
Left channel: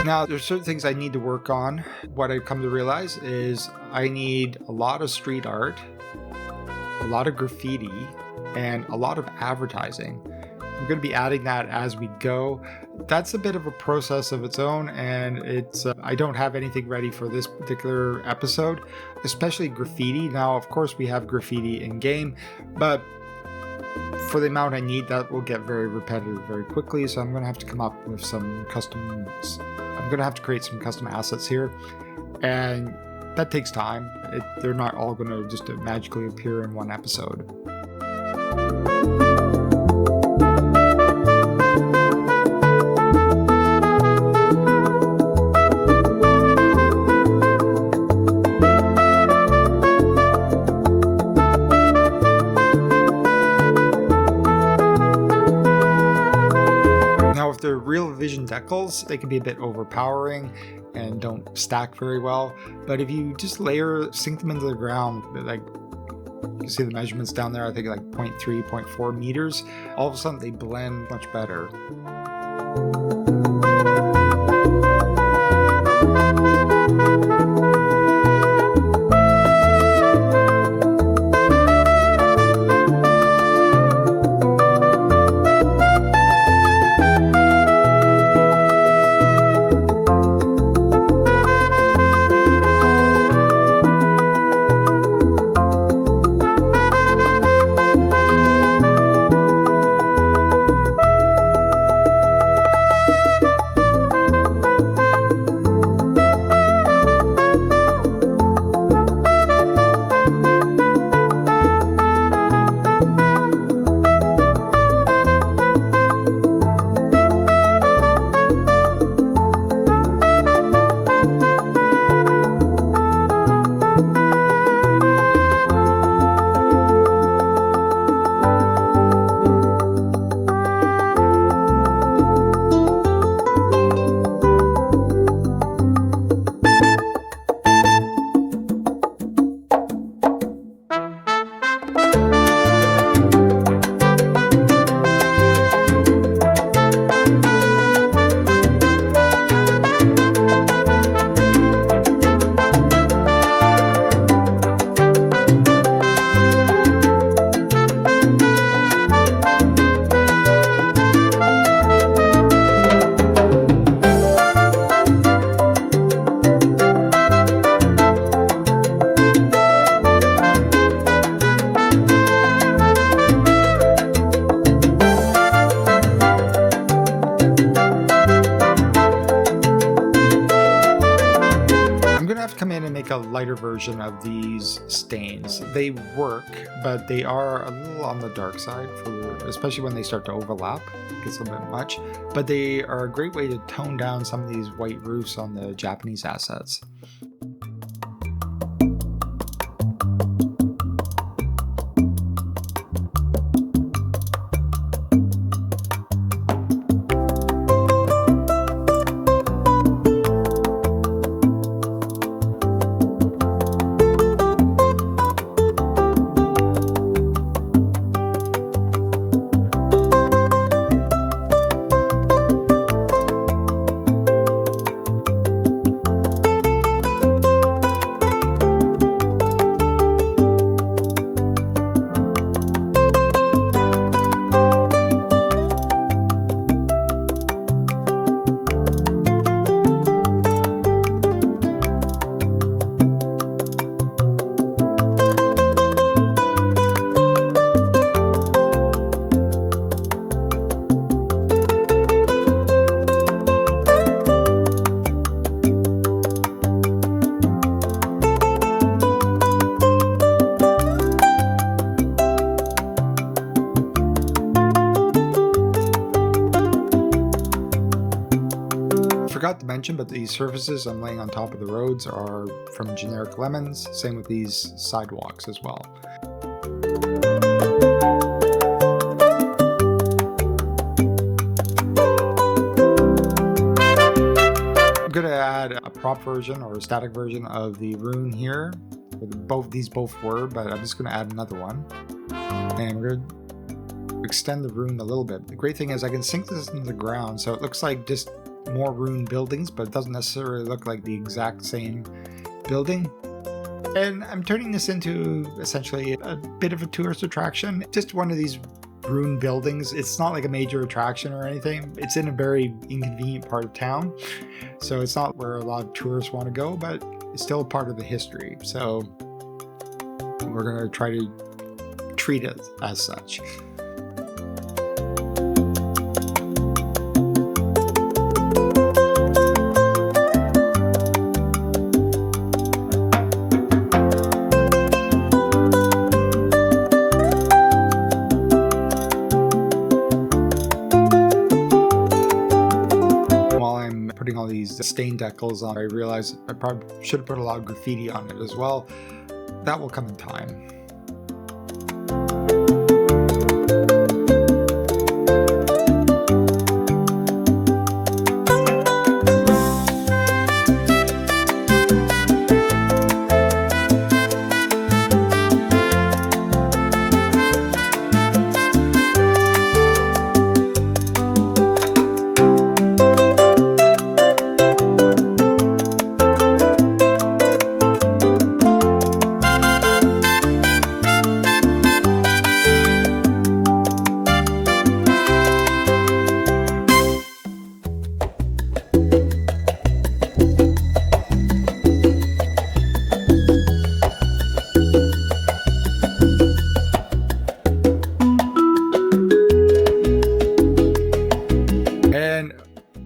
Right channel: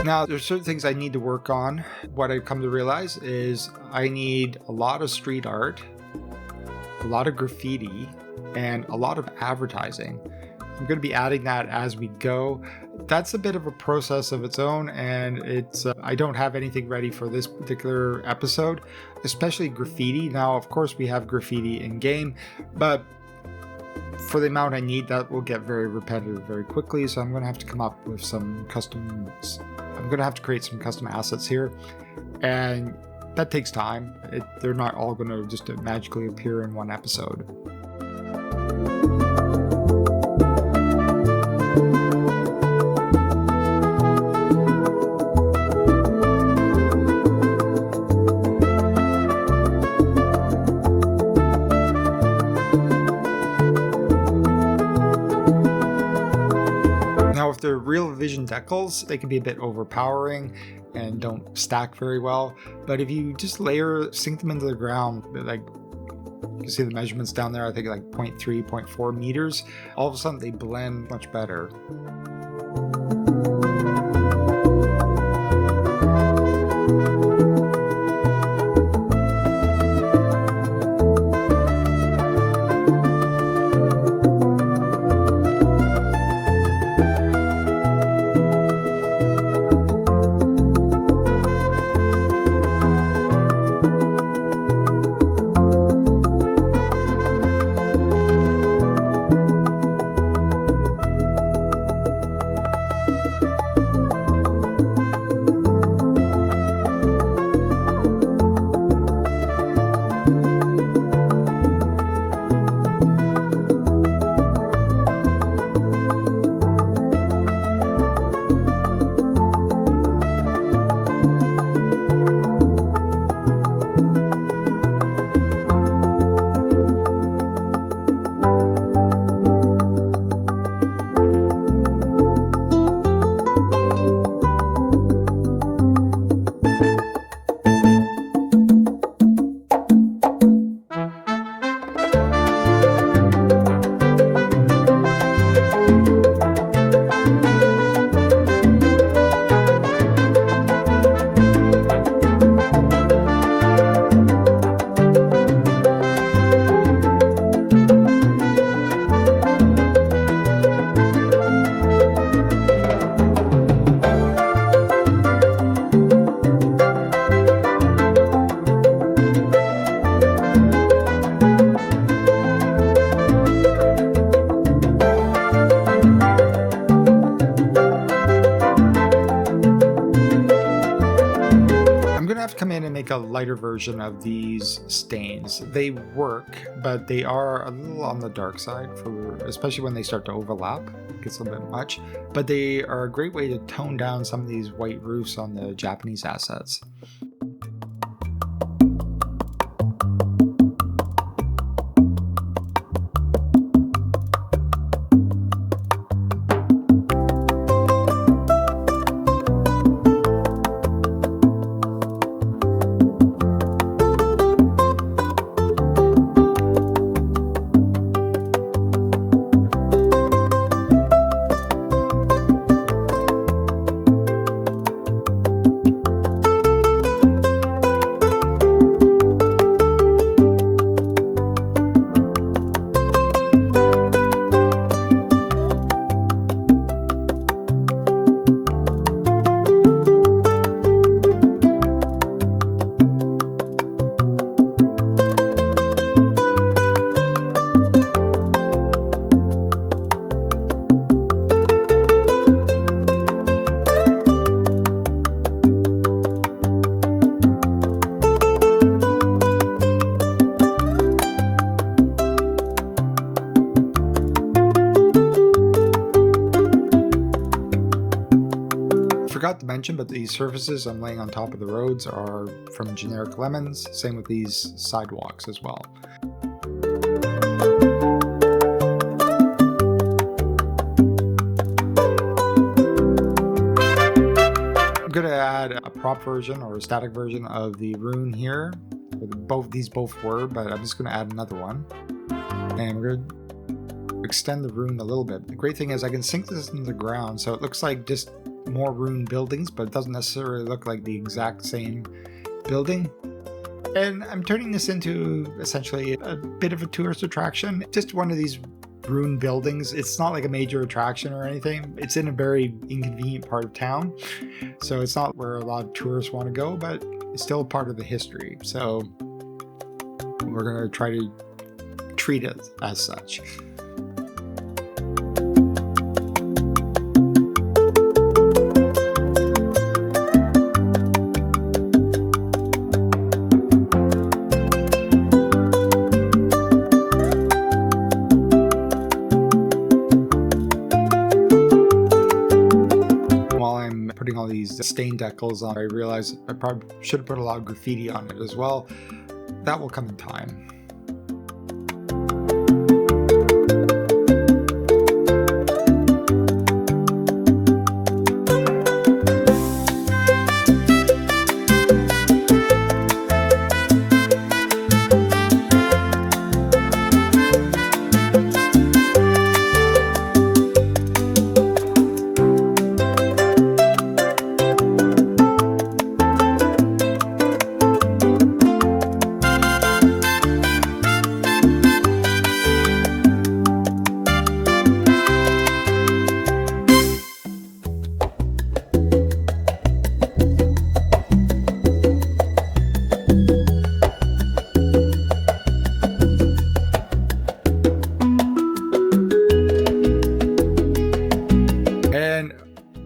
Now, there's certain things I need to work on. What I've come to realize is I need a lot of street art, a lot of graffiti, and a lot of advertising. I'm going to be adding that as we go. That's a bit of a process of its own, and I don't have anything ready for this particular episode, especially graffiti. Now, of course, we have graffiti in game, but for the amount I need, that will get very repetitive very quickly, so I'm going to have to come up with some I'm going to have to create some custom assets here, and that takes time. They're not all going to just magically appear in one episode. real vision decals, they can be a bit overpowering and don't stack very well. But if you just sink them into the ground, like you can see the measurements down there, I think like 0.3, 0.4 meters, all of a sudden they blend much better. A lighter version of these stains. They work, but they are a little on the dark side, especially when they start to overlap. It gets a little bit much, but they are a great way to tone down some of these white roofs on the Japanese assets. Forgot to mention, but these surfaces I'm laying on top of the roads are from generic lemons. Same with these sidewalks as well. I'm going to add a prop version or a static version of the rune here. These both were, but I'm just going to add another one. And we're going to extend the rune a little bit. The great thing is I can sink this into the ground, so it looks like just more rune buildings, but it doesn't necessarily look like the exact same building. And I'm turning this into essentially a bit of a tourist attraction. Just one of these rune buildings. It's not like a major attraction or anything. It's in a very inconvenient part of town, so it's not where a lot of tourists want to go, but it's still a part of the history. So we're going to try to treat it as such. Putting all these stain decals on, I realized I probably should have put a lot of graffiti on it as well. That will come in time.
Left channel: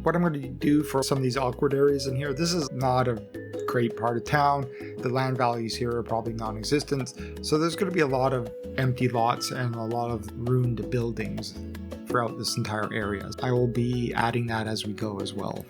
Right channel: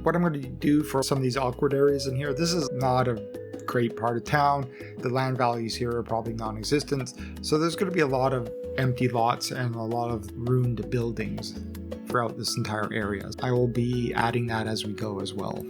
what I'm going to do for some of these awkward areas in here, this is not a great part of town. The land values here are probably non-existent. So there's going to be a lot of empty lots and a lot of ruined buildings throughout this entire area. I will be adding that as we go as well.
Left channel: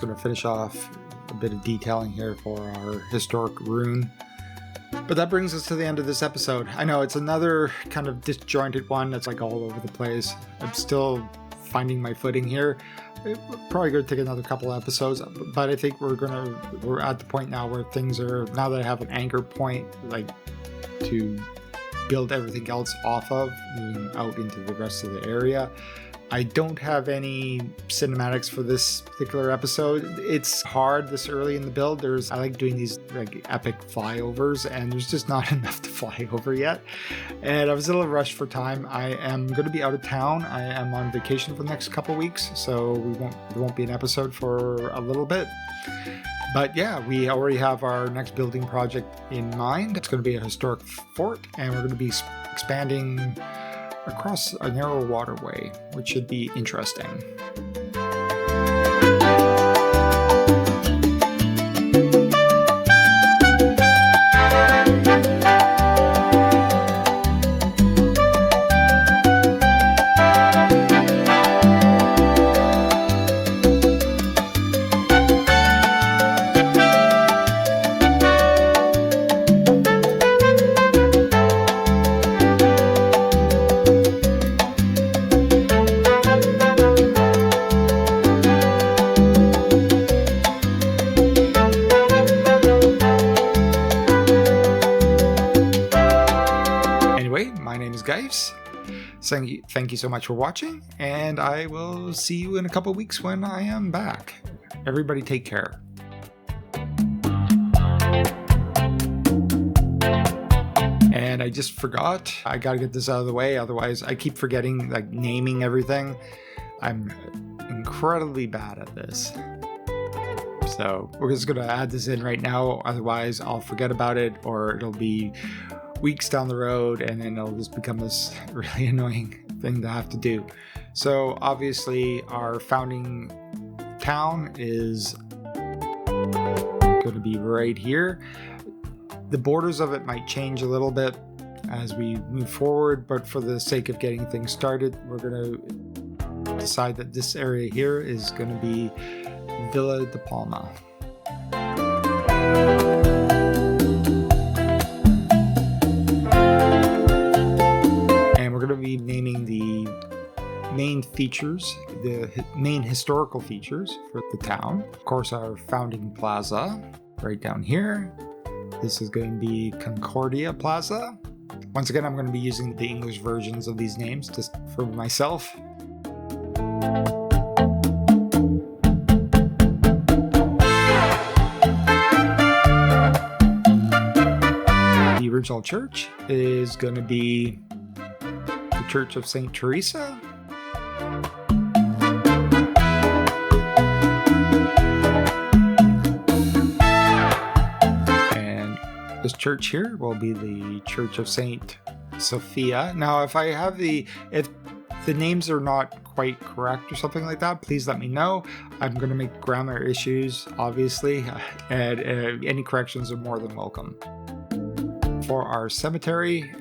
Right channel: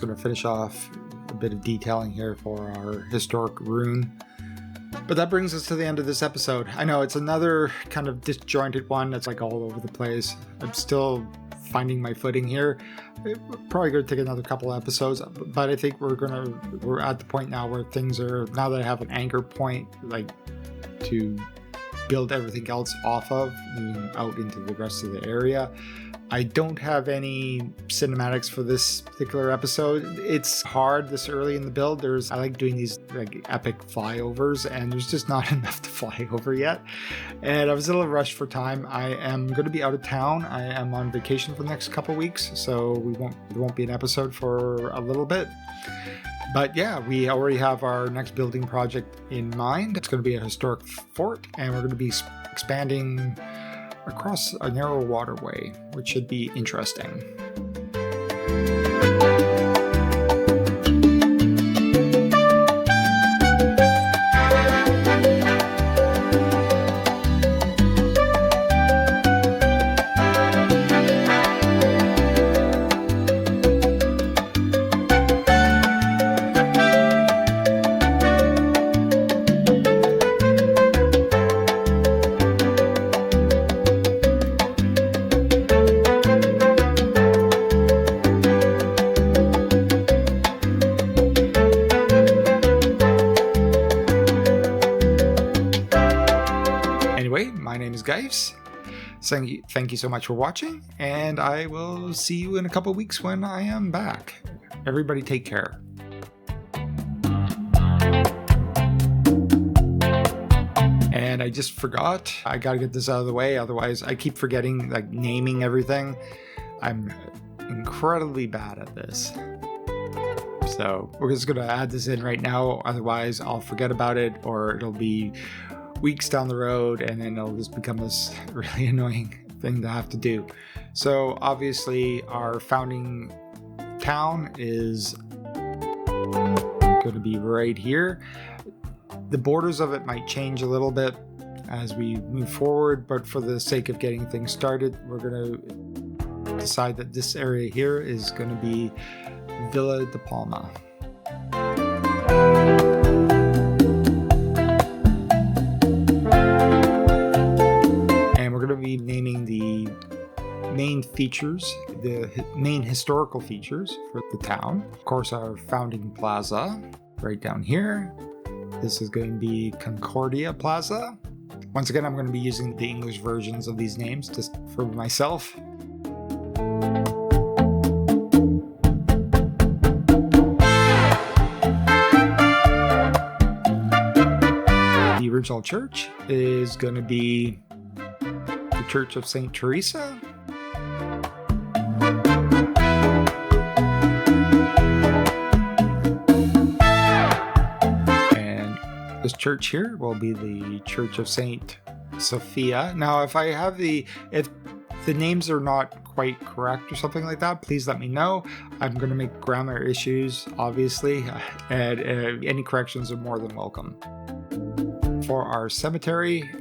Going to finish off a bit of detailing here for our historic ruin. But that brings us to the end of this episode. I know it's another kind of disjointed one that's like all over the place. I'm still finding my footing here. Probably going to take another couple episodes, but I think we're at the point now where things are, now that I have an anchor point like to build everything else off of, moving out into the rest of the area. I don't have any cinematics for this particular episode. It's hard this early in the build. I like doing these like epic flyovers, and there's just not enough to fly over yet. And I was a little rushed for time. I am going to be out of town. I am on vacation for the next couple weeks, so there won't be an episode for a little bit. But yeah, we already have our next building project in mind. It's going to be a historic fort, and we're going to be expanding across a narrow waterway, which should be interesting. My name is Gives. Thank you so much for watching, and I will see you in a couple weeks when I am back. Everybody take care. And I just forgot. I gotta get this out of the way, otherwise I keep forgetting like naming everything. I'm incredibly bad at this. So we're just gonna add this in right now, otherwise I'll forget about it, or it'll be weeks down the road, and then it'll just become this really annoying thing to have to do. So obviously our founding town is going to be right here. The borders of it might change a little bit as we move forward, but for the sake of getting things started, we're going to decide that this area here is going to be Villa de Palma. We're going to be naming the main features, the main historical features for the town. Of course, our founding plaza right down here. This is going to be Concordia Plaza. Once again, I'm going to be using the English versions of these names just for myself. The original church is going to be the Church of Saint Teresa. And this church here will be the Church of Saint Sophia. Now, if the names are not quite correct or something like that, please let me know. I'm going to make grammar issues, obviously, and any corrections are more than welcome. For our cemetery,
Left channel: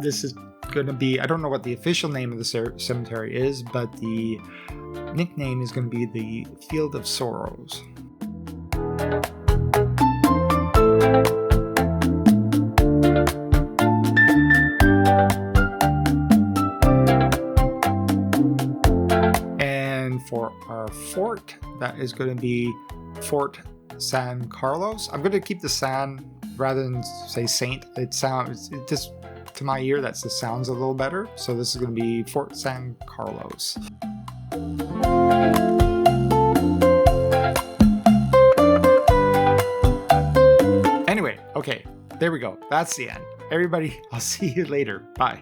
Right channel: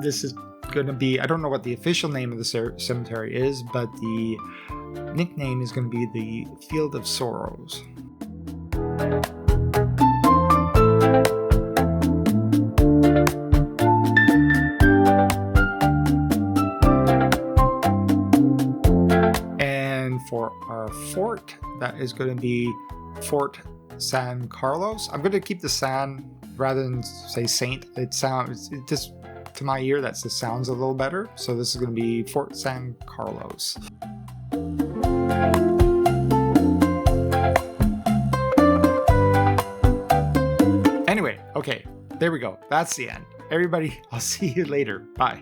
this is going to be, I don't know what the official name of the cemetery is, but the nickname is going to be the Field of Sorrows. And for our fort, that is going to be Fort San Carlos. I'm going to keep the San rather than say Saint. It just, to my ear, that just sounds a little better. So this is going to be Fort San Carlos. Anyway, okay, there we go. That's the end. Everybody, I'll see you later. Bye.